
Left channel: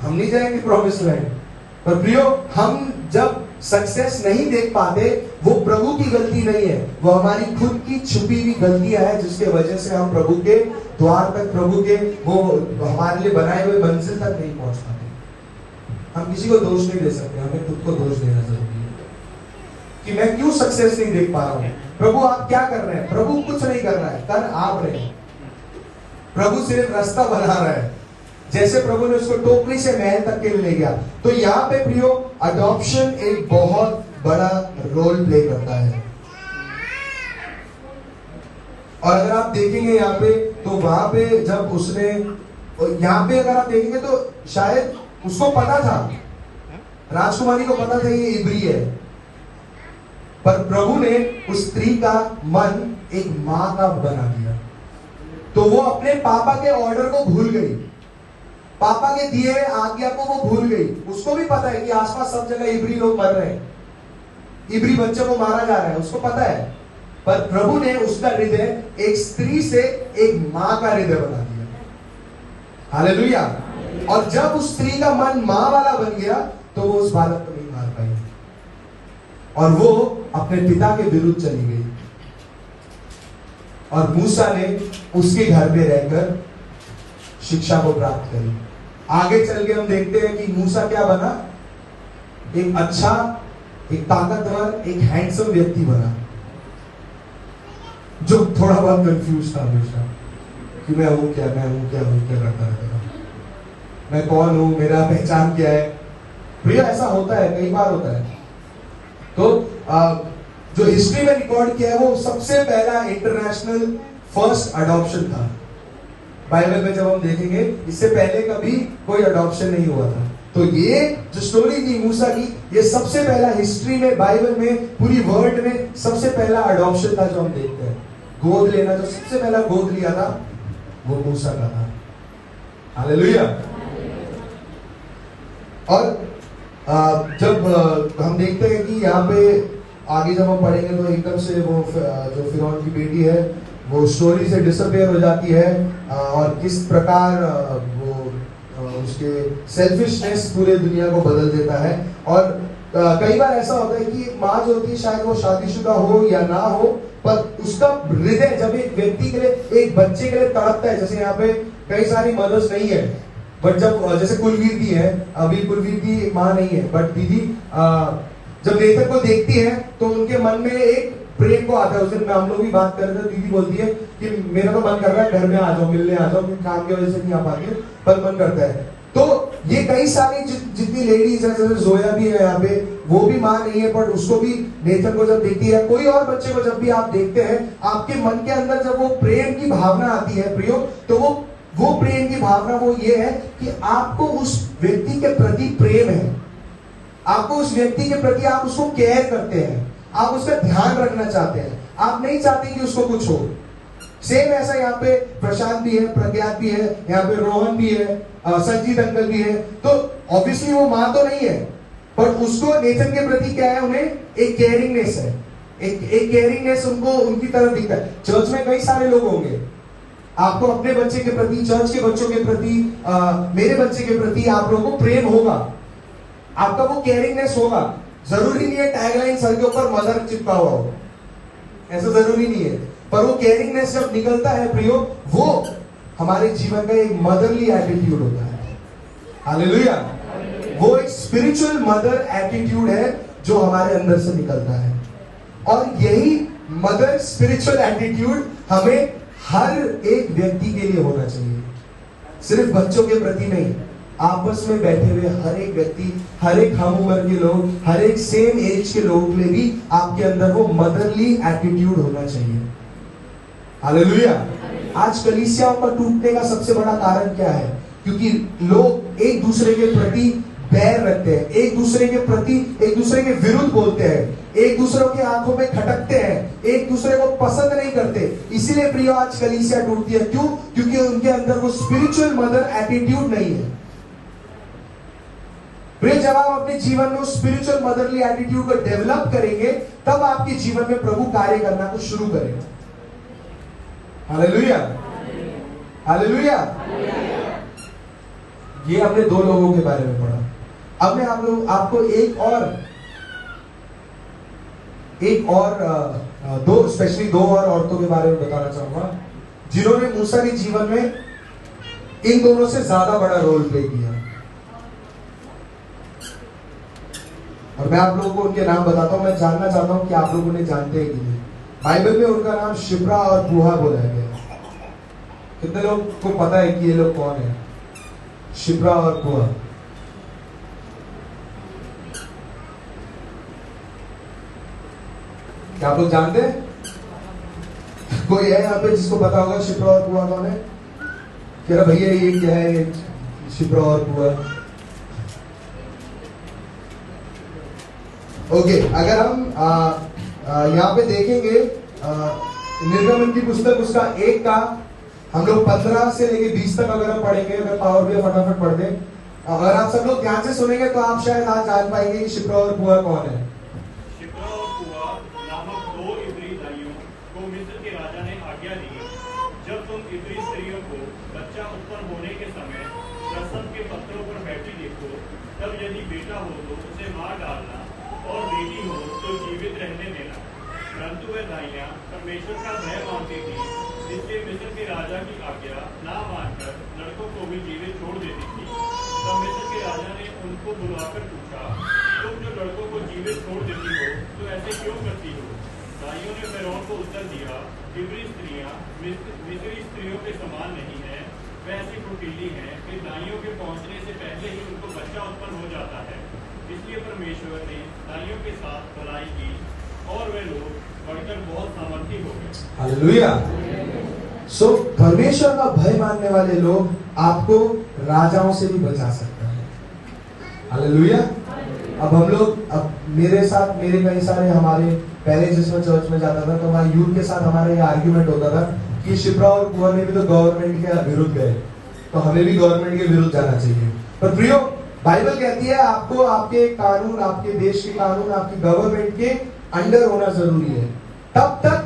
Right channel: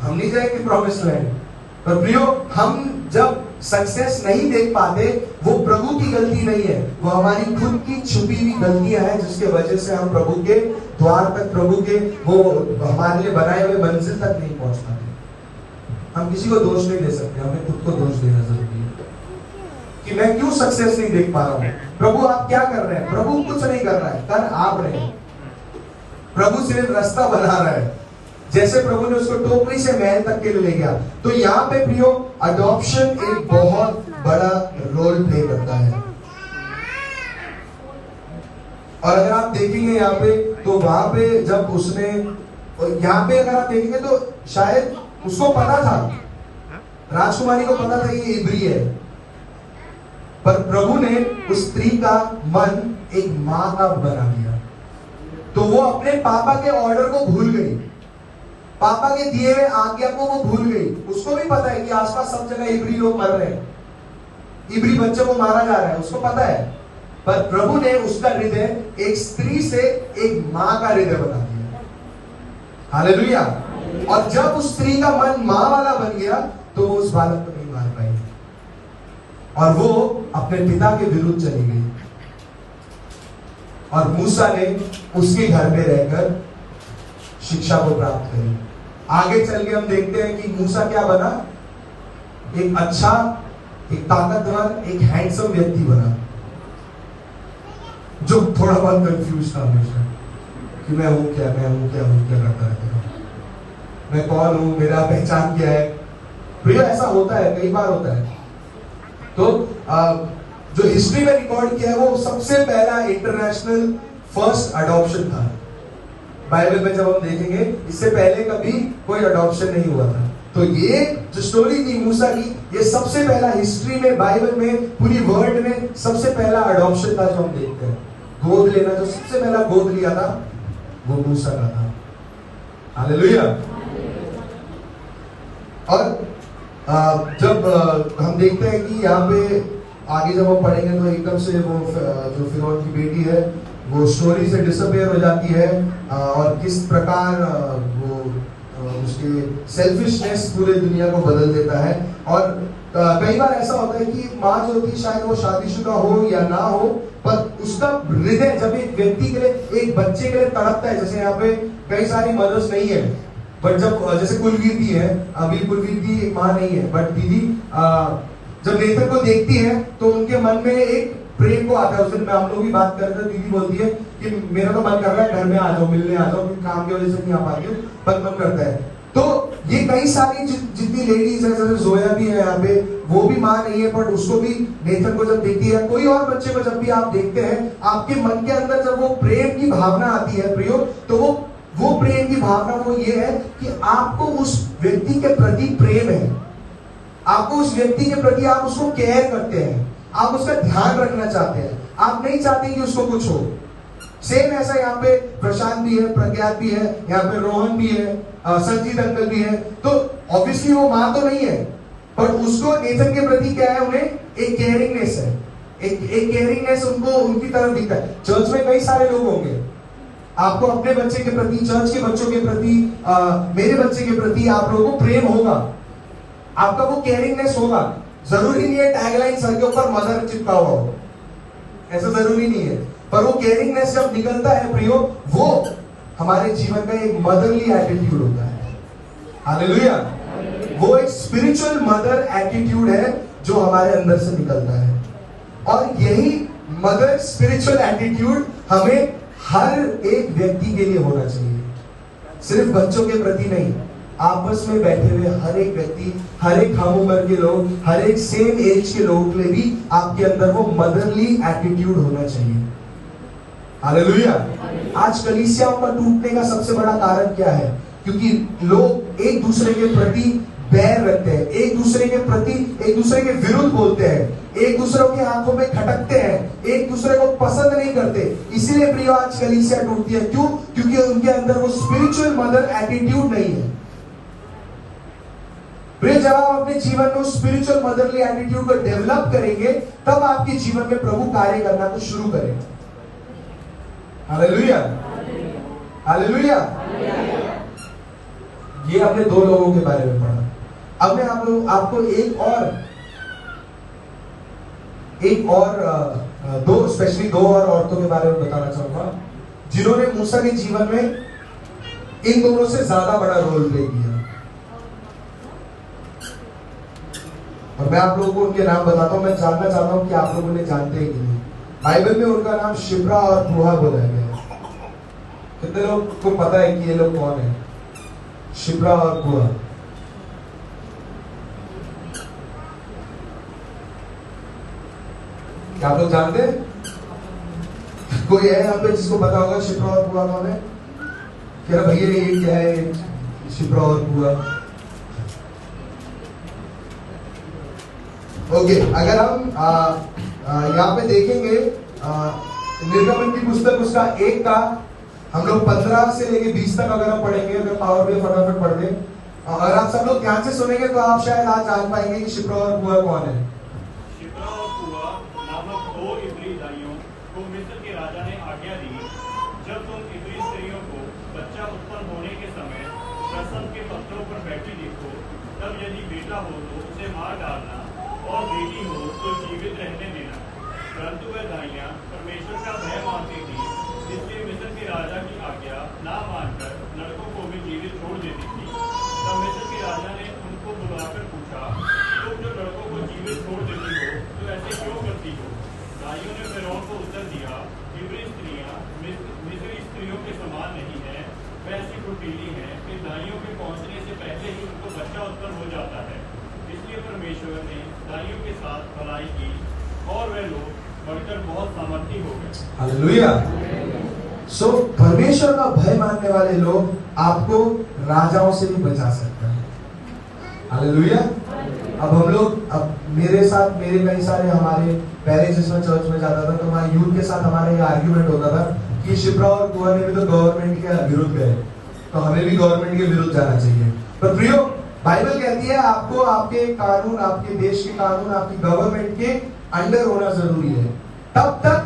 हम नहीं जाएंगे प्रॉमिस लैंड। पर प्रियो, हम जब सक्सेस नहीं देख पाते, वो प्रभु की गलती नहीं है, वो हमारी खुद की छुपी हुई गलतियां हैं, जिसके वजह से हम प्रभु के द्वार तक, प्रभु के वो हमारे लिए बनाए हुए मंजिल तक नहीं पहुंच पाते। हम किसी को दोष नहीं दे सकते, हमें खुद को दोष देना जरूरी है कि मैं क्यों सक्सेस नहीं देख पा रहा हूं। प्रभु आप क्या कर रहे हैं? प्रभु कुछ नहीं कर रहा है, कर आप रहे हैं। प्रभु सिर्फ रास्ता बना रहा है, जैसे प्रभु ने उसको टोकरी से महल तक के लिए ले गया। तो यहाँ पे प्रियो, अडॉप्शन एक बहुत बड़ा रोल प्ले करता है। और अगर आप देखेंगे यहाँ पे, तो वहां पे जब उसने, यहाँ पे अगर आप देखेंगे तो शायद उसको पता था, राजकुमारी को पता था ये इब्री है, पर प्रभु ने उस स्त्री का मन एक मां का बना दिया, तो वो अपने पापा के ऑर्डर को भूल गई। पापा के दिए आज्ञा को वो भूल गई। उसको भी पता है कि आसपास सब जगह इब्री लोग मर रहे हैं, इब्री बच्चों को मारा जा रहा है, उसको पता है। पर प्रभु ने उसका हृदय एक स्त्री से एक मां का हृदय बना दिया। हालेलुया। और जब उस स्त्री का मन मां वाला बन गया तो वो उस बालक को नहीं मार पाई और वो अपने पिता के विरुद्ध चली गई। और मूसा ने उसके घर में रहकर शिक्षा को प्राप्त करी। आगे चल के हम देखते हैं कि मूसा क्या बना, एक अच्छा, एक ताकतवर, एक हैंडसम व्यक्ति बना, जो थोड़ा बहुत कंफ्यूज था हमेशा कि मैं हूं क्या, मैं हूं क्या, हूं क्या करता रहता था, मैं कौन हूं, मेरा पहचान क्या है। भैया ऐसा होता है, कई बार होता है। तो जो हिस्ट्री में रिकॉर्ड किया है वो सबसे पहला इंटरनेशनल फर्स्ट अडॉप्शन था बाइबल में। जब हम देखेंगे इससे पहले कभी कोई अडॉप्शन नहीं हुआ था। तो ये जो स्टोरी थी मूसा की, ये सबसे पहला हिस्ट्री में, बाइबल में, पूरी वर्ल्ड में सबसे पहला अडॉप्शन था जो हम देखते हैं। गोद लेना, जो सबसे पहला गोद लिया था वो मूसा का था। हालेलुया। और जब हम देखते हैं कि यहाँ पे आगे जब हम पढ़ेंगे तो एकदम से वो जो फिरौन की बेटी है वो स्टोरी से डिसअपियर हो जाती है, और किस प्रकार वो उसके सेल्फिशनेस पूरे दुनिया को बदल देता है। और कई बार ऐसा होता है कि एक माँ जो होती है, शायद वो शादीशुदा हो या ना हो, पर उसका हृदय जब एक व्यक्ति के लिए, एक बच्चे के लिए तड़पता है। जैसे यहाँ पे कई सारी मदर्स नहीं है, बट जब जैसे कुलवीर की है, अभी कुलवीर की माँ नहीं है, बट दीदी जब नेथन को देखती है तो उनके मन में एक प्रेम को आता है। उस दिन हम लोग भी बात कर रहे थे, दीदी बोलती है कि मेरा तो मन कर रहा है घर में आ जाओ, मिलने आ जाओ, काम की वजह से नहीं आ पाती, पर मन करता है। तो ये कई सारी जितनी लेडीज है, जैसे जोया भी है यहाँ पे, वो भी माँ नहीं है, पर उसको भी नेथन को जब देखती है, कोई और बच्चे को जब भी आप देखते हैं, आपके मन के अंदर जब वो प्रेम की भावना आती है प्रियो, तो वो प्रेम की भावना वो ये है कि आपको उस व्यक्ति के प्रति प्रेम है, आपको उस व्यक्ति के प्रति आप उसको केयर करते हैं, आप उसका ध्यान रखना चाहते हैं, आप नहीं चाहते कि उसको कुछ हो। सेम ऐसा यहाँ पे प्रशांत भी है, प्रज्ञात भी है, यहाँ पे रोहन भी है, संजीत अंकल भी है। तो ऑब्वियसली वो माँ तो नहीं है, पर उसको नेथन के प्रति क्या है, उन्हें एक केयरिंगनेस है, एक केयरिंगनेस उनको उनकी तरफ दिखता है। चर्च में कई सारे लोग होंगे, आपको अपने बच्चे के प्रति, चर्च के बच्चों के प्रति, मेरे बच्चे के प्रति आप लोगों को प्रेम होगा, आपका वो केयरिंगनेस होगा। जरूरी नहीं है टैगलाइन सर के ऊपर मदर चिपका हुआ हो, ऐसा जरूरी नहीं है, पर वो केयरिंगनेस जब निकलता है प्रियो, वो हमारे जीवन का एक मदरली एटीट्यूड होता है। हालेलुया। वो एक स्पिरिचुअल मदर एटीट्यूड है जो हमारे अंदर से निकलता है। और यही मदर स्पिरिचुअल एटीट्यूड हमें हर एक व्यक्ति के लिए होना चाहिए, सिर्फ बच्चों के प्रति नहीं, आपस में बैठे हुए हर एक व्यक्ति, हर एक हम उम्र के लोग, हर एक सेम एज के लोगों के लिए भी आपके अंदर वो मदरली एटीट्यूड होना चाहिए। हालेलुया। आज कलीसियाओं का टूटने का सबसे बड़ा कारण क्या है? क्योंकि लोग एक दूसरे के प्रति बैर रखते हैं, एक दूसरे के प्रति, एक दूसरे के विरुद्ध बोलते हैं, एक दूसरों के आंखों में खटकते हैं, एक दूसरे को पसंद नहीं करते। इसीलिए प्रिय आज कलीसिया टूटती है। क्यों? क्योंकि उनके अंदर वो स्पिरिचुअल मदर एटीट्यूड नहीं है। प्रिय, जब आप अपने जीवन में स्पिरिचुअल मदरली एटीट्यूड को डेवलप करेंगे, तब आपके जीवन में प्रभु कार्य करना को शुरू करेगा। Hallelujah, hallelujah. ये हमने दो लोगों के बारे में पढ़ा। अब मैं आपको एक और दो, स्पेशली दो और औरतों के बारे में बताना चाहूंगा जिन्होंने मूसा के जीवन में इन दोनों से ज्यादा बड़ा रोल प्ले किया। और मैं आप लोगों को उनके नाम बताता हूं। मैं जानना चाहता हूं कि आप लोग उन्हें जानते हैं कि नहीं। बाइबल में उनका नाम शिप्रा और पुआ बोला गया है। कितने लोग को पता है कि ये लोग कौन है? शिप्रा और पुआ। क्या आप लोग जानते हैं? कोई है यहाँ पे जिसको पता होगा शिप्रा और पुआ कौन है? कह रहा भैया ये क्या है शिप्रा और पुआ? ओके, अगर हम यहाँ पे देखेंगे निर्गमन की पुस्तक उसका 1 का हम लोग 15 से लेके 20 तक अगर हम पढ़ेंगे, अगर पावर भी फटाफट पढ़ दें, अगर आप सब लोग ध्यान से सुनेंगे तो आप शायद आज जान पाएंगे कि शिप्रा और पुआ कौन है। शिप्रा और पुआ नामक 2 इब्री दाइयों को मिस्र के राजा ने आज्ञा दी, जब तुम इब्री स्त्रियों को बच्चा उत्पन्न होने के समय प्रसव के पत्थरों पर बैठी देखो, तब यदि बेटा हो तो उसे मार डालना, और बेटी हो तो जीवित रहने देना। परंतु वे दाइयां परमेश्वर का भय मानती थी, इसलिए मिस्र के राजा की आज्ञा ना मानकर लड़कों को भी जीवित छोड़ देती थी। तब मिस्र के राजा ने उनको बुलाकर पूछा, तुम जो लड़कों को जीवित छोड़ देती हो तो ऐसे क्यों करती हो? दाइयों ने फिरौन को उत्तर दिया, इब्री स्त्रियां मिस्री स्त्रियों के समान नहीं है, वे ऐसी फुर्तीली हैं कि दाइयों के पहुंचने से पहले ही उनको बच्चा उत्पन्न हो जाता है। इसलिए परमेश्वर ने दाइयों के साथ भलाई की और वे लोग बढ़कर बहुत सामर्थी हो गए। हालेलुया। सो परमेश्वर का भय मानने वाले लोग आपको राजाओं से भी बचा सकता है। हालेलुया। अब हम लोग, अब मेरे कई सारे, हमारे पहले जिसमें चर्च में जाता था तो हमारे यूथ के साथ हमारा ये आर्ग्यूमेंट होता था कि शिप्रा और पुआ ने भी तो गवर्नमेंट के विरुद्ध गए, तो हमें भी गवर्नमेंट के विरुद्ध जाना चाहिए। पर प्रियो, बाइबल कहती है आपको आपके कानून, आपके देश के कानून, आपकी गवर्नमेंट के अंडर होना जरूरी है, तब तक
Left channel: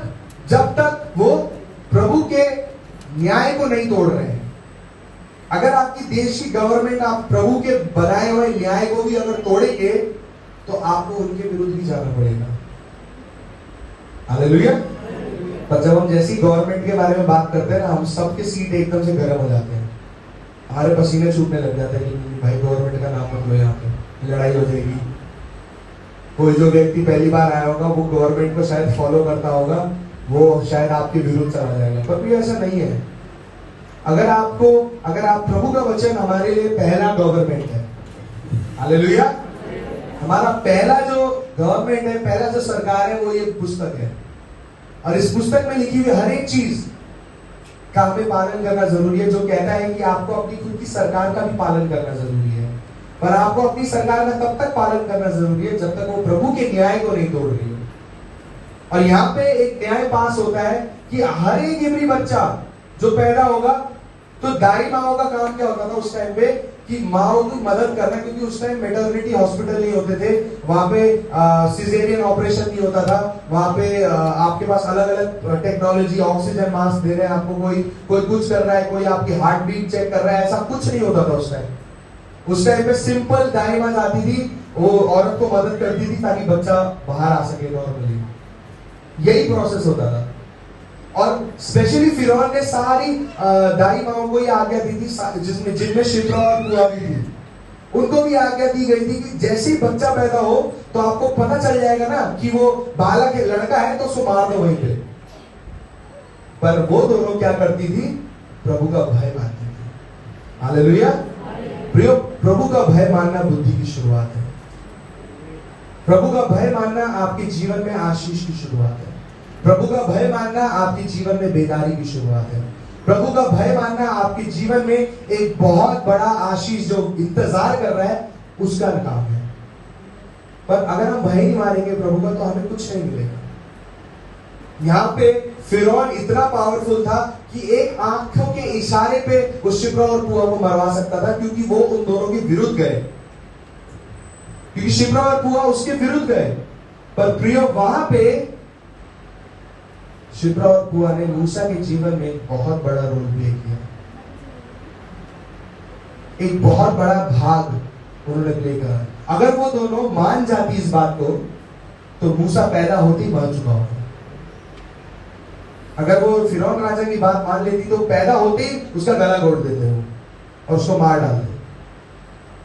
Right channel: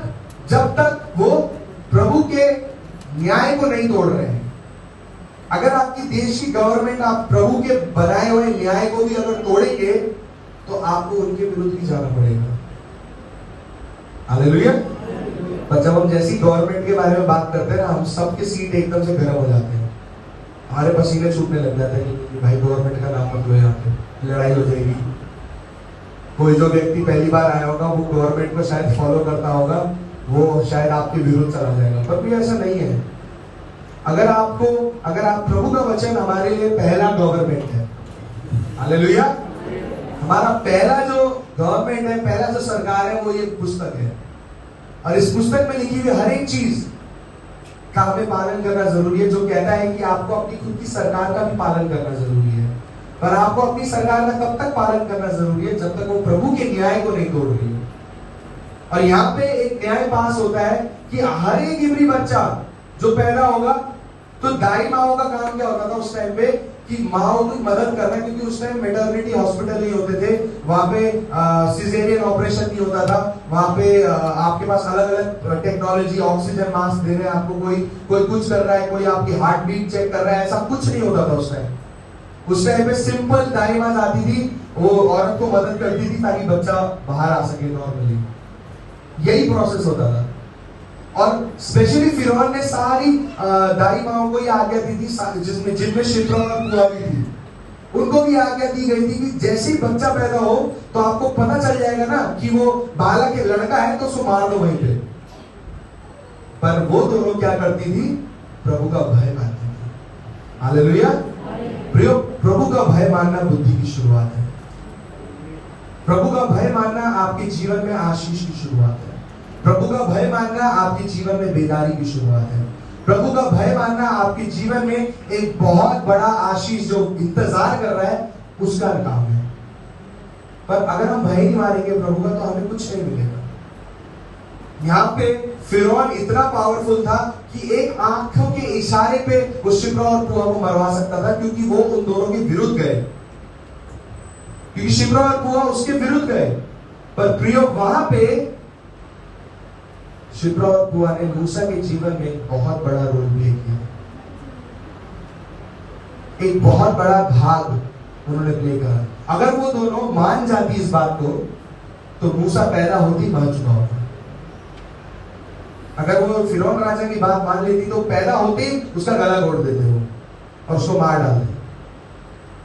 जब तक वो प्रभु के न्याय को नहीं तोड़ रहे हैं। अगर आपकी देश की गवर्नमेंट आप प्रभु के बनाए हुए न्याय को भी अगर तोड़ेंगे तो आपको उनके विरुद्ध भी जाना पड़ेगा। हालेलुया। पर जब हम जैसी गवर्नमेंट के बारे में बात करते हैं ना, हम सबके सीट एकदम से गर्म हो जाते हैं, हमारे पसीने छूटने लग जाते हैं कि भाई गवर्नमेंट का नाम मत लो, यहाँ पे लड़ाई हो जाएगी। कोई जो व्यक्ति पहली बार आया होगा वो गवर्नमेंट को शायद फॉलो करता होगा, वो शायद आपके विरुद्ध चला जाएगा। पर भी ऐसा नहीं है। अगर आप प्रभु का वचन हमारे लिए पहला गवर्नमेंट है। हालेलुया। हमारा पहला जो गवर्नमेंट है, पहला जो सरकार है, वो ये पुस्तक है, और इस पुस्तक में लिखी हुई हर एक चीज का हमें पालन करना जरूरी है। जो कहता है कि आपको अपनी खुद की सरकार का भी पालन करना जरूरी है, पर आपको अपनी सरकार का तब तक पालन करना जरूरी है जब तक वो प्रभु के न्याय को नहीं तोड़ रही हो। और यहाँ पे एक न्याय पास होता है कि हर एक इब्री बच्चा जो पैदा होगा, तो दाई माओ का काम क्या होता था उस टाइम पे कि माओ की मदद करना, क्योंकि उस टाइम मेटर्निटी हॉस्पिटल नहीं होते थे, वहां पे सिजेरियन ऑपरेशन नहीं होता था, वहां पे आपके पास अलग अलग टेक्नोलॉजी, ऑक्सीजन मास्क दे रहे हैं आपको, कोई कुछ कर रहा है, कोई आपकी हार्ट बीट चेक कर रहा है, ऐसा कुछ नहीं होता था उस टाइम। उस टाइम पे सिंपल दाई माँ जाती थी, वो औरत को मदद करती थी ताकि बच्चा बाहर आ सके नॉर्मली। यही प्रोसेस होता था। और स्पेशली फिरौन ने सारी दाई माओं को ही आज्ञा दी थी, जिनमें शिप्रा और पुआ भी थी, उनको भी आज्ञा दी गई थी कि जैसे ही बच्चा पैदा हो तो आपको पता चल जाएगा ना कि वो बालक है, लड़का है, तो उसको मार दो वहीं पे। पर वो दोनों क्या करती थी? प्रभु का भय मानती थी। हालेलुया। प्रियो, प्रभु का भय मानना बुद्धि की शुरुआत है। प्रभु का भय मानना आपके जीवन में आशीष की शुरुआत है। प्रभु का भय मानना आपके जीवन में बेदारी की शुरुआत है। प्रभु का भय मानना आपके जीवन में एक बहुत बड़ा आशीष जो इंतजार कर रहा है उसका काम है। पर अगर हम भय नहीं मानेंगे प्रभु का तो हमें कुछ नहीं मिलेगा। यहाँ पे फिरौन इतना पावरफुल था कि एक आंखों के इशारे पे वो शिप्रा और पुआ को मरवा सकता था, क्योंकि वो उन दोनों के विरुद्ध गए, क्योंकि शिप्रा और पुआ उसके विरुद्ध गए। पर प्रियो, वहां पे शिप्रा और पुआ ने मूसा के जीवन में एक बहुत बड़ा रोल प्ले किया, एक बहुत बड़ा भाग उन्होंने प्ले करा। अगर वो दोनों मान जाती इस बात को तो मूसा पैदा होती मर चुका होता। अगर वो फिरौन राजा की बात मान लेती तो पैदा होते ही उसका गला घोट देते वो और उसको मार डालते।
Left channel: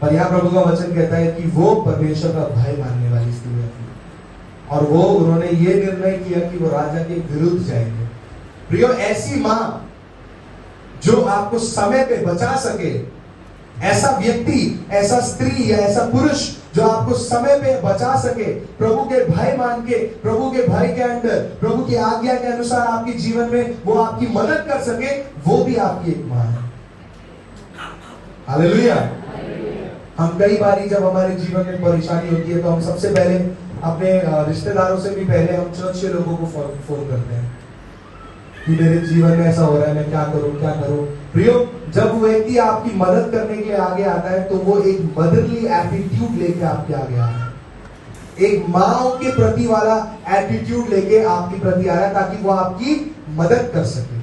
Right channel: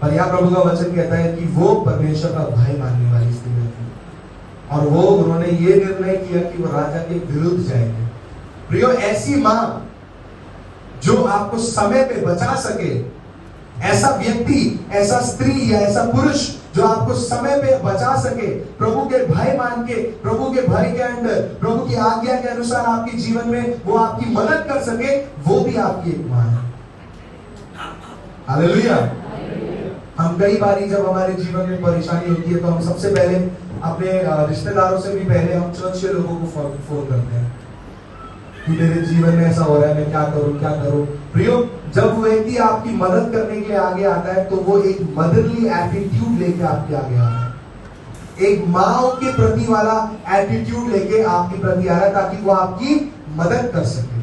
पर यहाँ प्रभु का वचन कहता है कि वो परमेश्वर का भय मानने वाली स्त्री थी, और वो उन्होंने ये निर्णय किया कि वो राजा के विरुद्ध जाएंगे। प्रियो, ऐसी मां जो आपको समय पे बचा सके, ऐसा व्यक्ति, ऐसा स्त्री या ऐसा पुरुष जो आपको समय पे बचा सके, प्रभु के भय मान के, प्रभु के भय के अंदर, प्रभु की आज्ञा के अनुसार आपके जीवन में वो आपकी मदद कर सके, वो भी आपकी एक मां है। हालेलुया। हम कई बारी जब हमारे जीवन में परेशानी होती है तो हम सबसे पहले अपने रिश्तेदारों से भी पहले हम चर्च के लोगों को फोन करते हैं। कि मेरे जीवन में ऐसा हो रहा है, मैं क्या करूं क्या करूं। प्रियो, जब वो व्यक्ति आपकी मदद करने के लिए आगे आता है तो वो एक मदरली एटीट्यूड लेके आपके आगे आ रहा है, एक माँ के प्रति वाला एटीट्यूड लेके आपके प्रति आ रहा है, ताकि वो आपकी मदद कर सके,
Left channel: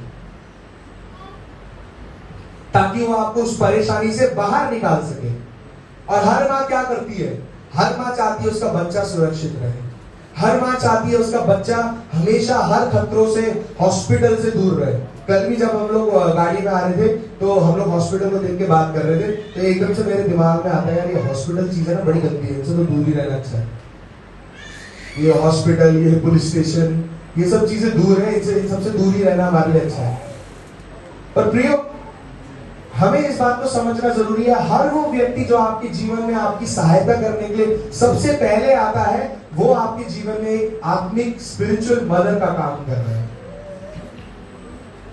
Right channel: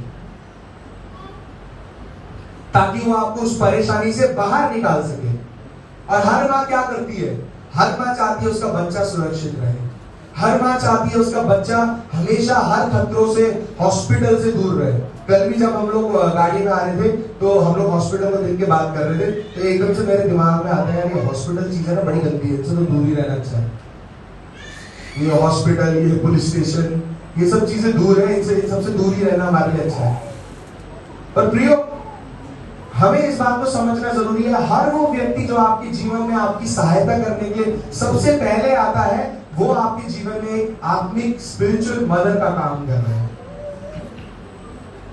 ताकि वो आपको उस परेशानी से बाहर निकाल सके। और हर माँ क्या करती है? हर माँ चाहती है उसका बच्चा सुरक्षित रहे। हर माँ चाहती है उसका बच्चा हमेशा हर खतरों से, हॉस्पिटल से दूर रहे। कल भी जब हम लोग गाड़ी में आ रहे थे तो हम लोग हॉस्पिटल को देख के बात कर रहे थे, तो एकदम से मेरे दिमाग में आता है, यार ये हॉस्पिटल चीज है ना, बड़ी गंदी है, इनसे तो दूर ही रहना अच्छा है। ये हॉस्पिटल, ये पुलिस स्टेशन, ये सब चीजें दूर है, इनसे इन सबसे दूर ही रहना हमारे लिए अच्छा है। पर प्रियो, हमें इस बात को समझना जरूरी है, हर वो व्यक्ति जो आपके जीवन में आपकी सहायता करने के लिए सबसे पहले आता है, वो आपके जीवन में आत्मिक स्पिरिचुअल मदर का काम कर रहे हैं।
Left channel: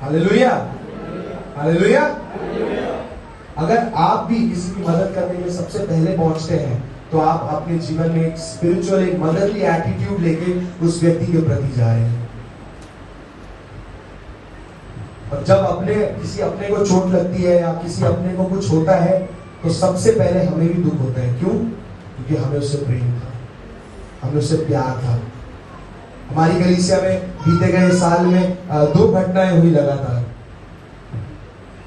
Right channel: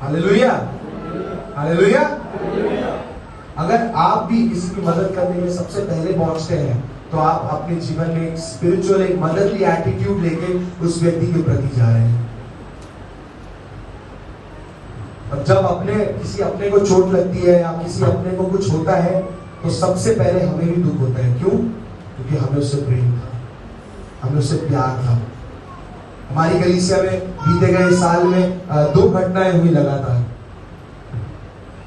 Hallelujah, hallelujah. अगर आप भी किसी की मदद करने के लिए सबसे पहले पहुंचते हैं तो आप अपने जीवन में एक स्पिरिचुअल, एक मदरली एटीट्यूड लेके उस व्यक्ति के प्रति जा रहे हैं। और जब किसी अपने को चोट लगती है या किसी अपने को कुछ होता है तो सबसे पहले हमें भी दुख होता है। क्यों? क्योंकि हमें उससे प्रेम था, हमें उससे प्यार था। हमारी कलीसिया में बीते गए साल में 2 घटनाएं हुई लगातार,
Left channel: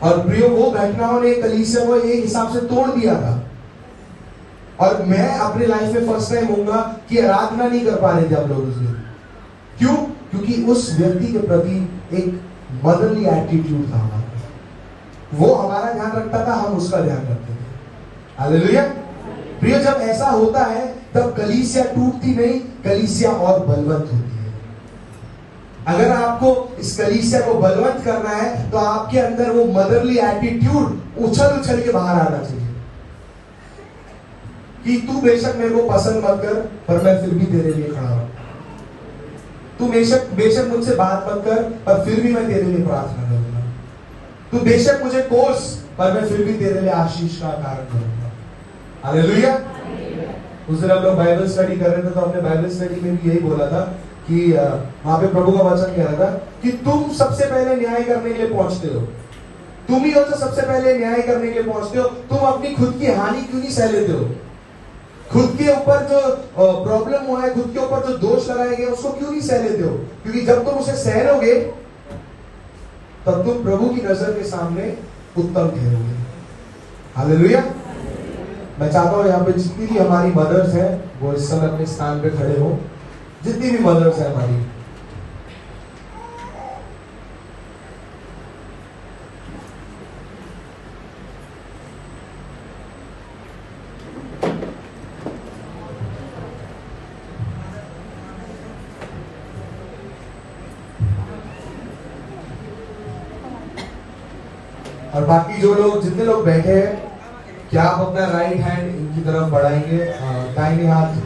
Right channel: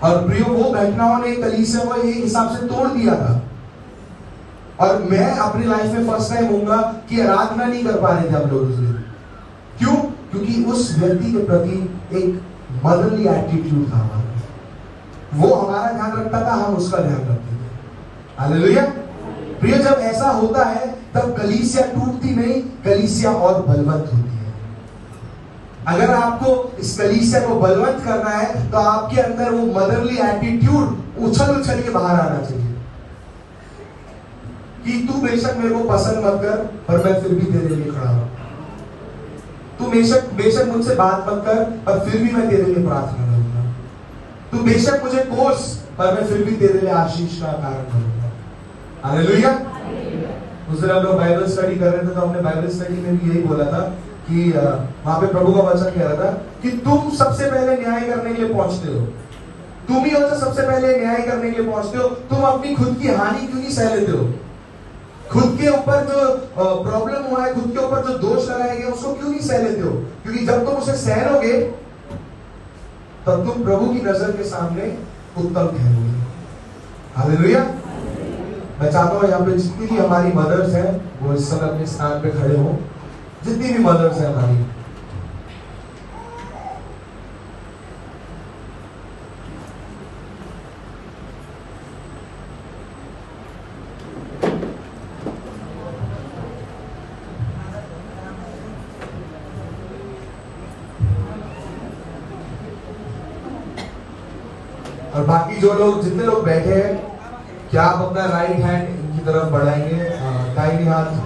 और प्रियो वो घटनाओं ने कलीसिया को एक हिसाब से तोड़ दिया था। और मैं अपने लाइफ में फर्स्ट टाइम होऊंगा कि आराधना नहीं कर पा रहे थे हम लोग उस दिन। क्यों? क्योंकि उस व्यक्ति के प्रति एक मदरली एटीट्यूड था हमारा। वो हमारा ध्यान रखता था, हम उसका ध्यान रखते थे। हालेलुया। प्रिय, जब ऐसा होता है तब कलीसिया टूटती नहीं, कलीसिया और बलवंत होती है। अगर आपको इस कलीसिया को बलवंत करना है तो आपके अंदर वो मदरली एटीट्यूड उछल उछल के बाहर आना चाहिए कि तू बेशक मेरे को पसंद मत कर, पर मैं फिर भी तेरे लिए खड़ा हूं। तू बेशक मुझसे बात मत कर, पर फिर भी मैं तेरे लिए प्रार्थना करूंगा। तू बेशक मुझे कोस, पर मैं फिर भी तेरे लिए आशीष का कारण करूंगा। हालेलुया। उस दिन हम लोग बाइबल स्टडी कर रहे थे, तो हमने बाइबल स्टडी में भी यही बोला था कि वहां पे प्रभु का वचन कह रहा था कि तुम सबसे पहले न्याय करने के लिए पहुंचते हो। तुम ही हो जो सबसे पहले न्याय करने के लिए पहुंचते हो। तुम अपनी खुद की हानि क्यों नहीं सह लेते हो? खुद के ऊपर जो प्रॉब्लम हुआ है, खुद के ऊपर जो दोष लगाए गए, उसको क्यों नहीं सह लेते हो? क्योंकि जब तुम उसे सह लोगे तब तुम प्रभु की नजर के सामने उत्तम ठहरोगे। हालेलुया। मैं चाहता हूं यहाँ पे जितनी भी हमारी मदर्स हैं वो इस समय अपने स्थान पे खड़े हो। जितनी भी मदर्स हैं हमारी, और बाकी जो लोग, जितने लोग बैठे हैं, क्या आप अपना राइट हैंड इनकी तरफ बढ़ाएंगे, दाहिने हाथ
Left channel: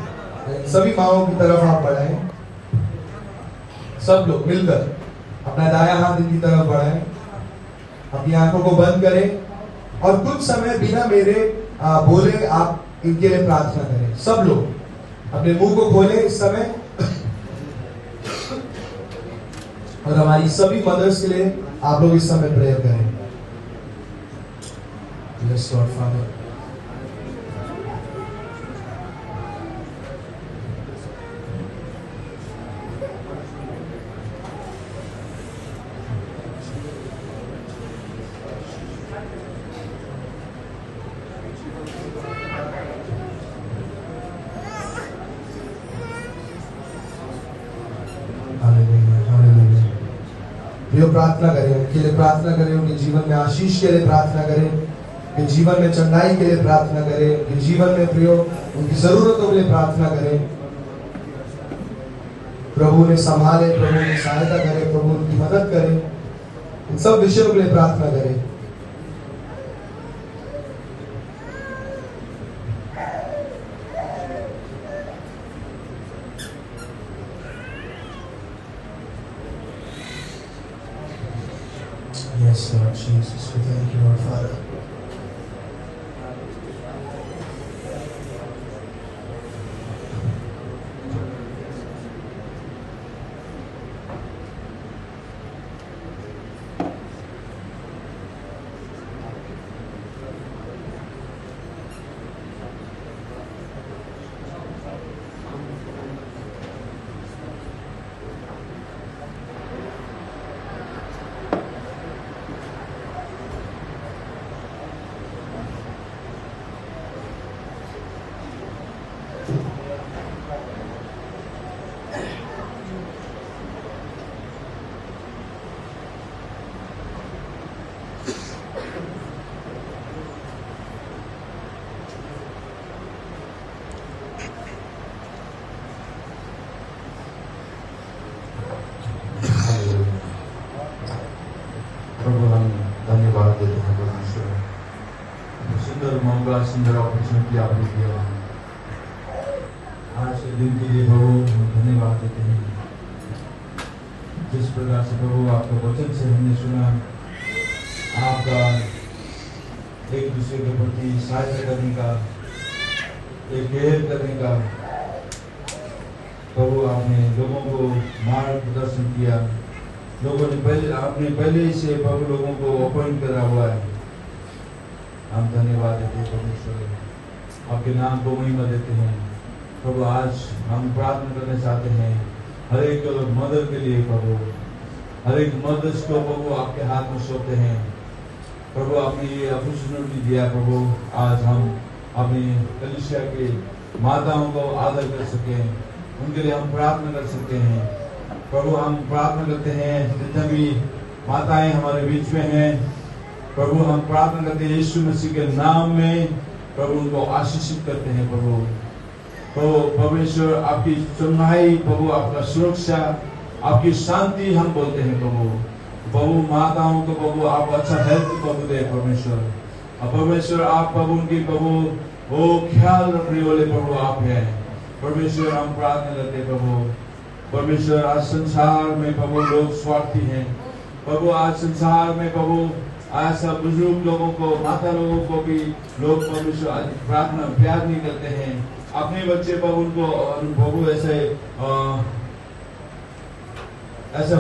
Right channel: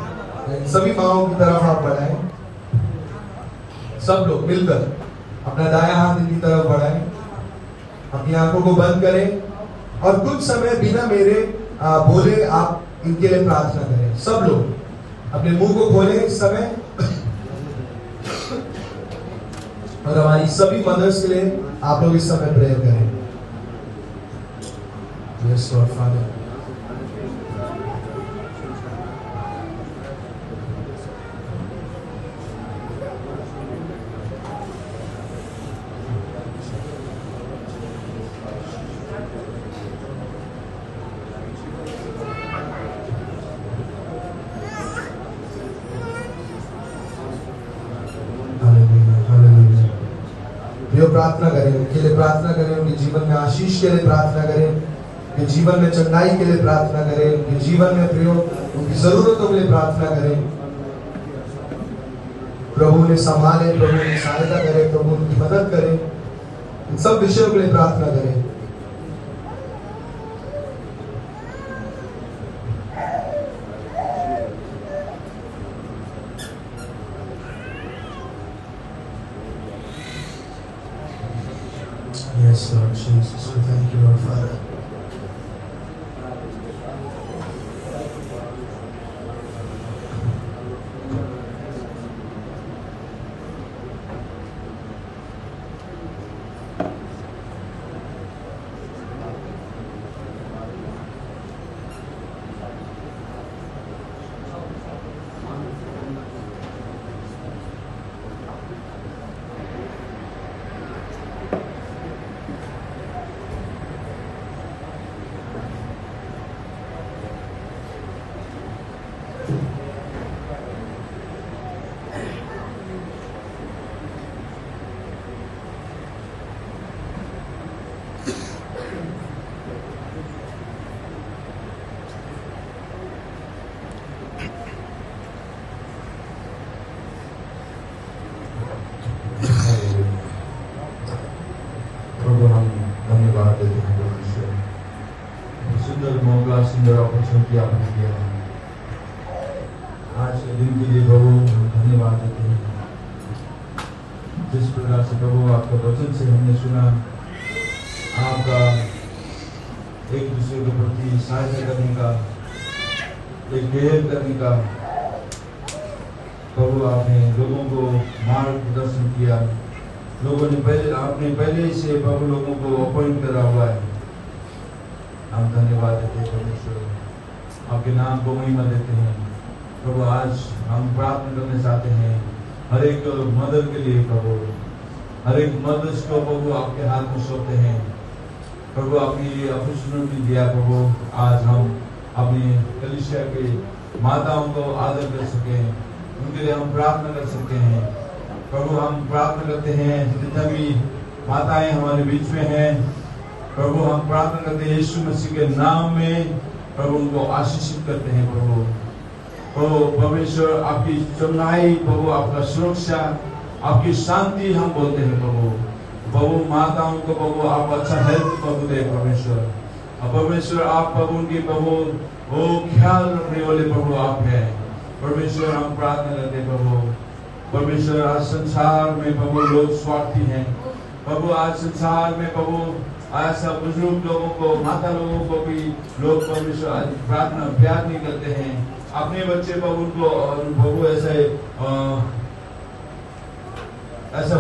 सभी माओं की तरफ आप बढ़ाएं। सब लोग मिलकर अपना दायां हाथ इनकी तरफ बढ़ाएं। अपनी आंखों को बंद करें और कुछ समय बिना मेरे बोले आप इनके लिए प्रार्थना करें। सब लोग अपने मुंह को खोलें इस समय और हमारी सभी मदर्स के लिए आप लोग इस समय प्रेयर करें। Yes, Lord Father. प्रार्थना करें उनके लिए, प्रार्थना करें उनके जीवन में आशीष के लिए, प्रार्थना करें उनके जीवन में चंगाई के लिए, प्रार्थना करें उनके जीवन में प्रियो उनकी जरूरतों के लिए प्रार्थना करें। प्रभु ने संभाले, प्रभु ने सहायता करे, प्रभु उनकी मदद करे, इन सब विषयों के लिए प्रार्थना करें। Yes, Lord Jesus, we thank you, Lord Father. सुंदर मौका, सुंदर अपॉर्चुनिटी आपने दिया है। आज के दिन के लिए प्रभु धन्यवाद देते हैं। जिस प्रकार से प्रभु आपका वचन से हमने सुना, आपका एक दूसरे के प्रति सहायता करने का, एक केयर करने का प्रभु आपने लोगों को मार्ग प्रदर्शन किया। लोगों ने आपने पहले ही से प्रभु लोगों को अपॉइंट करा हुआ है। हम धन्यवाद देते हैं परमेश्वर, आपके नाम को महिमा देते हैं। प्रभु आज हम प्रार्थना करना चाहते हैं हर एक मदर के लिए प्रभु, हर एक मदर्स को प्रभु आपके हाथ में सौंपते हैं। प्रभु आपने अपॉर्चुनिटी दिया प्रभु, आज हम अपनी कलीसिया के माताओं को आदर कर सके, उनके लिए हम प्रार्थना कर सकते हैं। प्रभु हम प्रार्थना करते हैं जितना भी माताएं हमारे बीच में हैं, प्रभु हम प्रार्थना करते हैं यीशु मसीह के नाम में, प्रभु उनको आशीषित करते हैं। प्रभु परमेश्वर आपकी चंगाई, प्रभु आपका सुरक्षा, आपकी शांति हम बोलते हैं प्रभु माताओं को प्रभु आप अच्छा हेल्थ प्रभु दे परमेश्वर आप प्रभु उनकी प्रभु वो ख्याल रखने वाले प्रभु आप हैं परमेश्वर। हम प्रार्थना करते हैं प्रभु परमेश्वर, आज संसार में प्रभु लोग स्वार्थी हैं प्रभु, आज संसार में प्रभु ऐसा बुजुर्ग लोगों को, माता लोगों को भी लोग परमेश्वर आज प्रार्थना प्यार नहीं करते हैं। अपने बच्चे प्रभु उनको प्रभु ऐसे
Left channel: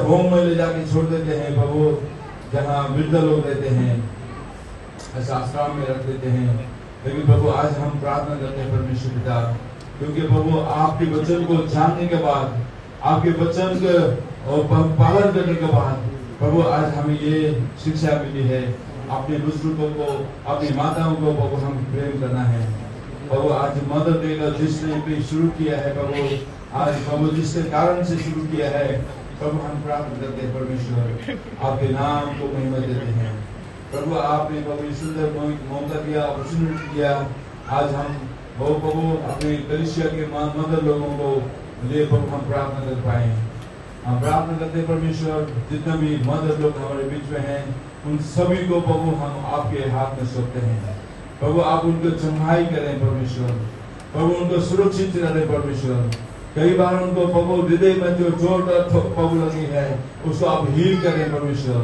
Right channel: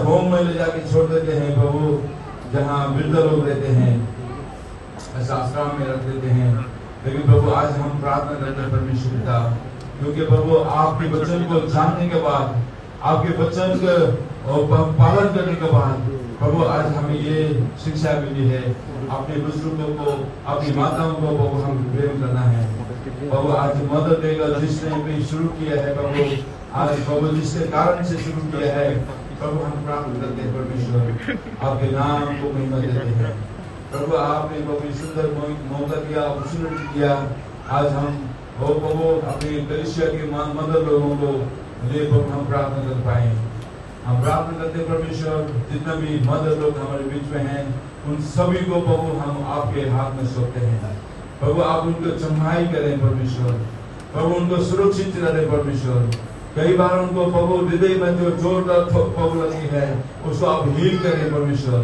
होम में ले जाके छोड़ देते हैं प्रभु, जहाँ वृद्ध लोग रहते हैं, ऐसा आश्रम में रख देते हैं। लेकिन प्रभु आज हम प्रार्थना करते हैं परमेश्वर पिता, क्योंकि प्रभु आपके वचन को जानने के बाद, आपके वचन को पालन करने के बाद प्रभु आज हमें ये शिक्षा मिली है, अपने बुजुर्गों को, अपनी माताओं को प्रभु हम प्रेम करना है। प्रभु आज मदद देगा जिसने भी शुरू किया है प्रभु, आज प्रभु जिसके कारण से शुरू किया है प्रभु, हम प्रार्थना करते हैं परमेश्वर, आपके नाम को महिमा देते हैं। प्रभु आपने प्रभु सुंदर मौका दिया, अपॉर्चुनिटी दिया, आज हम प्रभु अपने कलीसिया के मदर लोगों को लिए प्रभु हम प्रार्थना कर पाए। हम प्रार्थना करते हैं परमेश्वर, जितने भी मदर लोग हमारे बीच में हैं उन सभी को प्रभु हम आपके हाथ में सौंपते हैं। प्रभु आप उनको चंगाई करें परमेश्वर, प्रभु उनको सुरक्षित रखें परमेश्वर। कई बार उनको प्रभु हृदय में जो चोट प्रभु लगी है उसको आप हील करें परमेश्वर।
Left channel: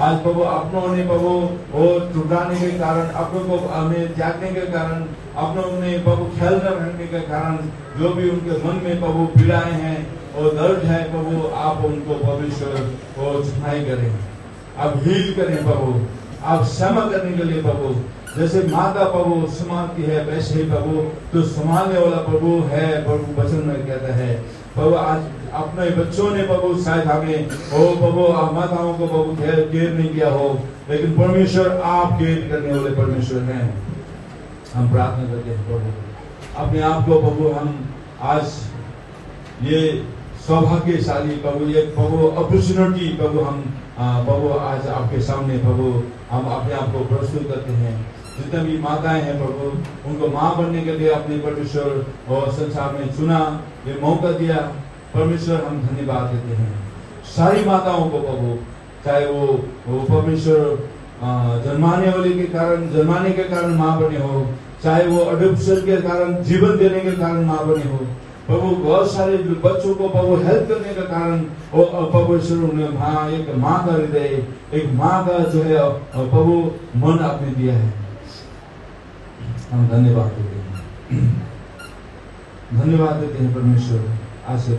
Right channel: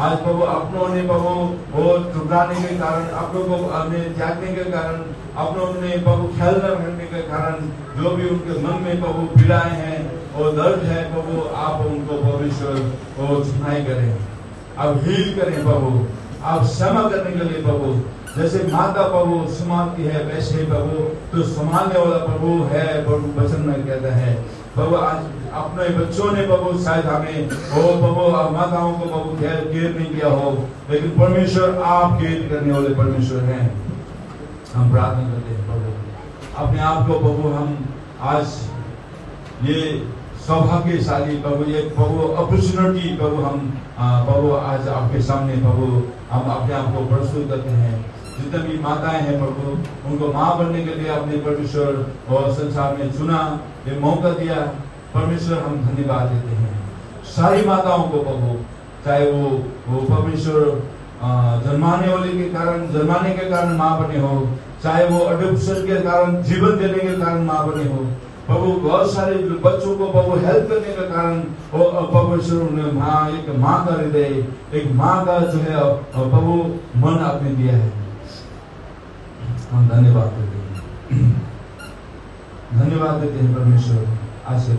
आज प्रभु अपनों ने प्रभु वो ठुकराने के कारण, अपनों को हमें त्यागने के कारण, अपनों ने प्रभु ख्याल न रखने के कारण जो भी उनके मन में प्रभु पीड़ाएं हैं और दर्द है प्रभु, आप उनको परमेश्वर वो चुनाई करें, आप हील करें प्रभु, आप क्षमा करने के लिए प्रभु, जैसे माता प्रभु संभालती है वैसे प्रभु तो संभालने वाला प्रभु है प्रभु, वचन में कहता है प्रभु। आज अपने बच्चों ने प्रभु शायद हमें वो प्रभु माताओं को प्रभु केयर नहीं किया हो, लेकिन परमेश्वर आप केयर करने वाले परमेश्वर हैं। हम प्रार्थना करते हैं प्रभु, अपने आप को प्रभु हम आज ये सौभाग्यशाली प्रभु, ये प्रभु अपॉर्चुनिटी प्रभु हम प्रभु आज आपके सामने प्रभु हम अपने आप को प्रस्तुत करते हैं। जितने भी माताएं हैं प्रभु, उनको माँ बनने के लिए अपने परमेश्वर और संसार में चुना, ये मौका दिया परमेश्वर, हम धन्यवाद देते हैं। सारी माताओं को प्रभु, चाहे वो परमेश्वर जन्माने के कारण माँ बने हो, चाहे वो अडॉप्शन के कारण, जीवन देने के कारण माँ बने हो प्रभु, बहुत सारे बच्चों को प्रभु हेल्प करने के कारण वो परमेश्वर उन्हें माँ, एक माँ का हृदय, एक माँ का जो है प्रभु मन आपने दिया है। हम धन्यवाद देते हैं, धन्यवाद देते हैं परमेश्वर। आशीर्वाद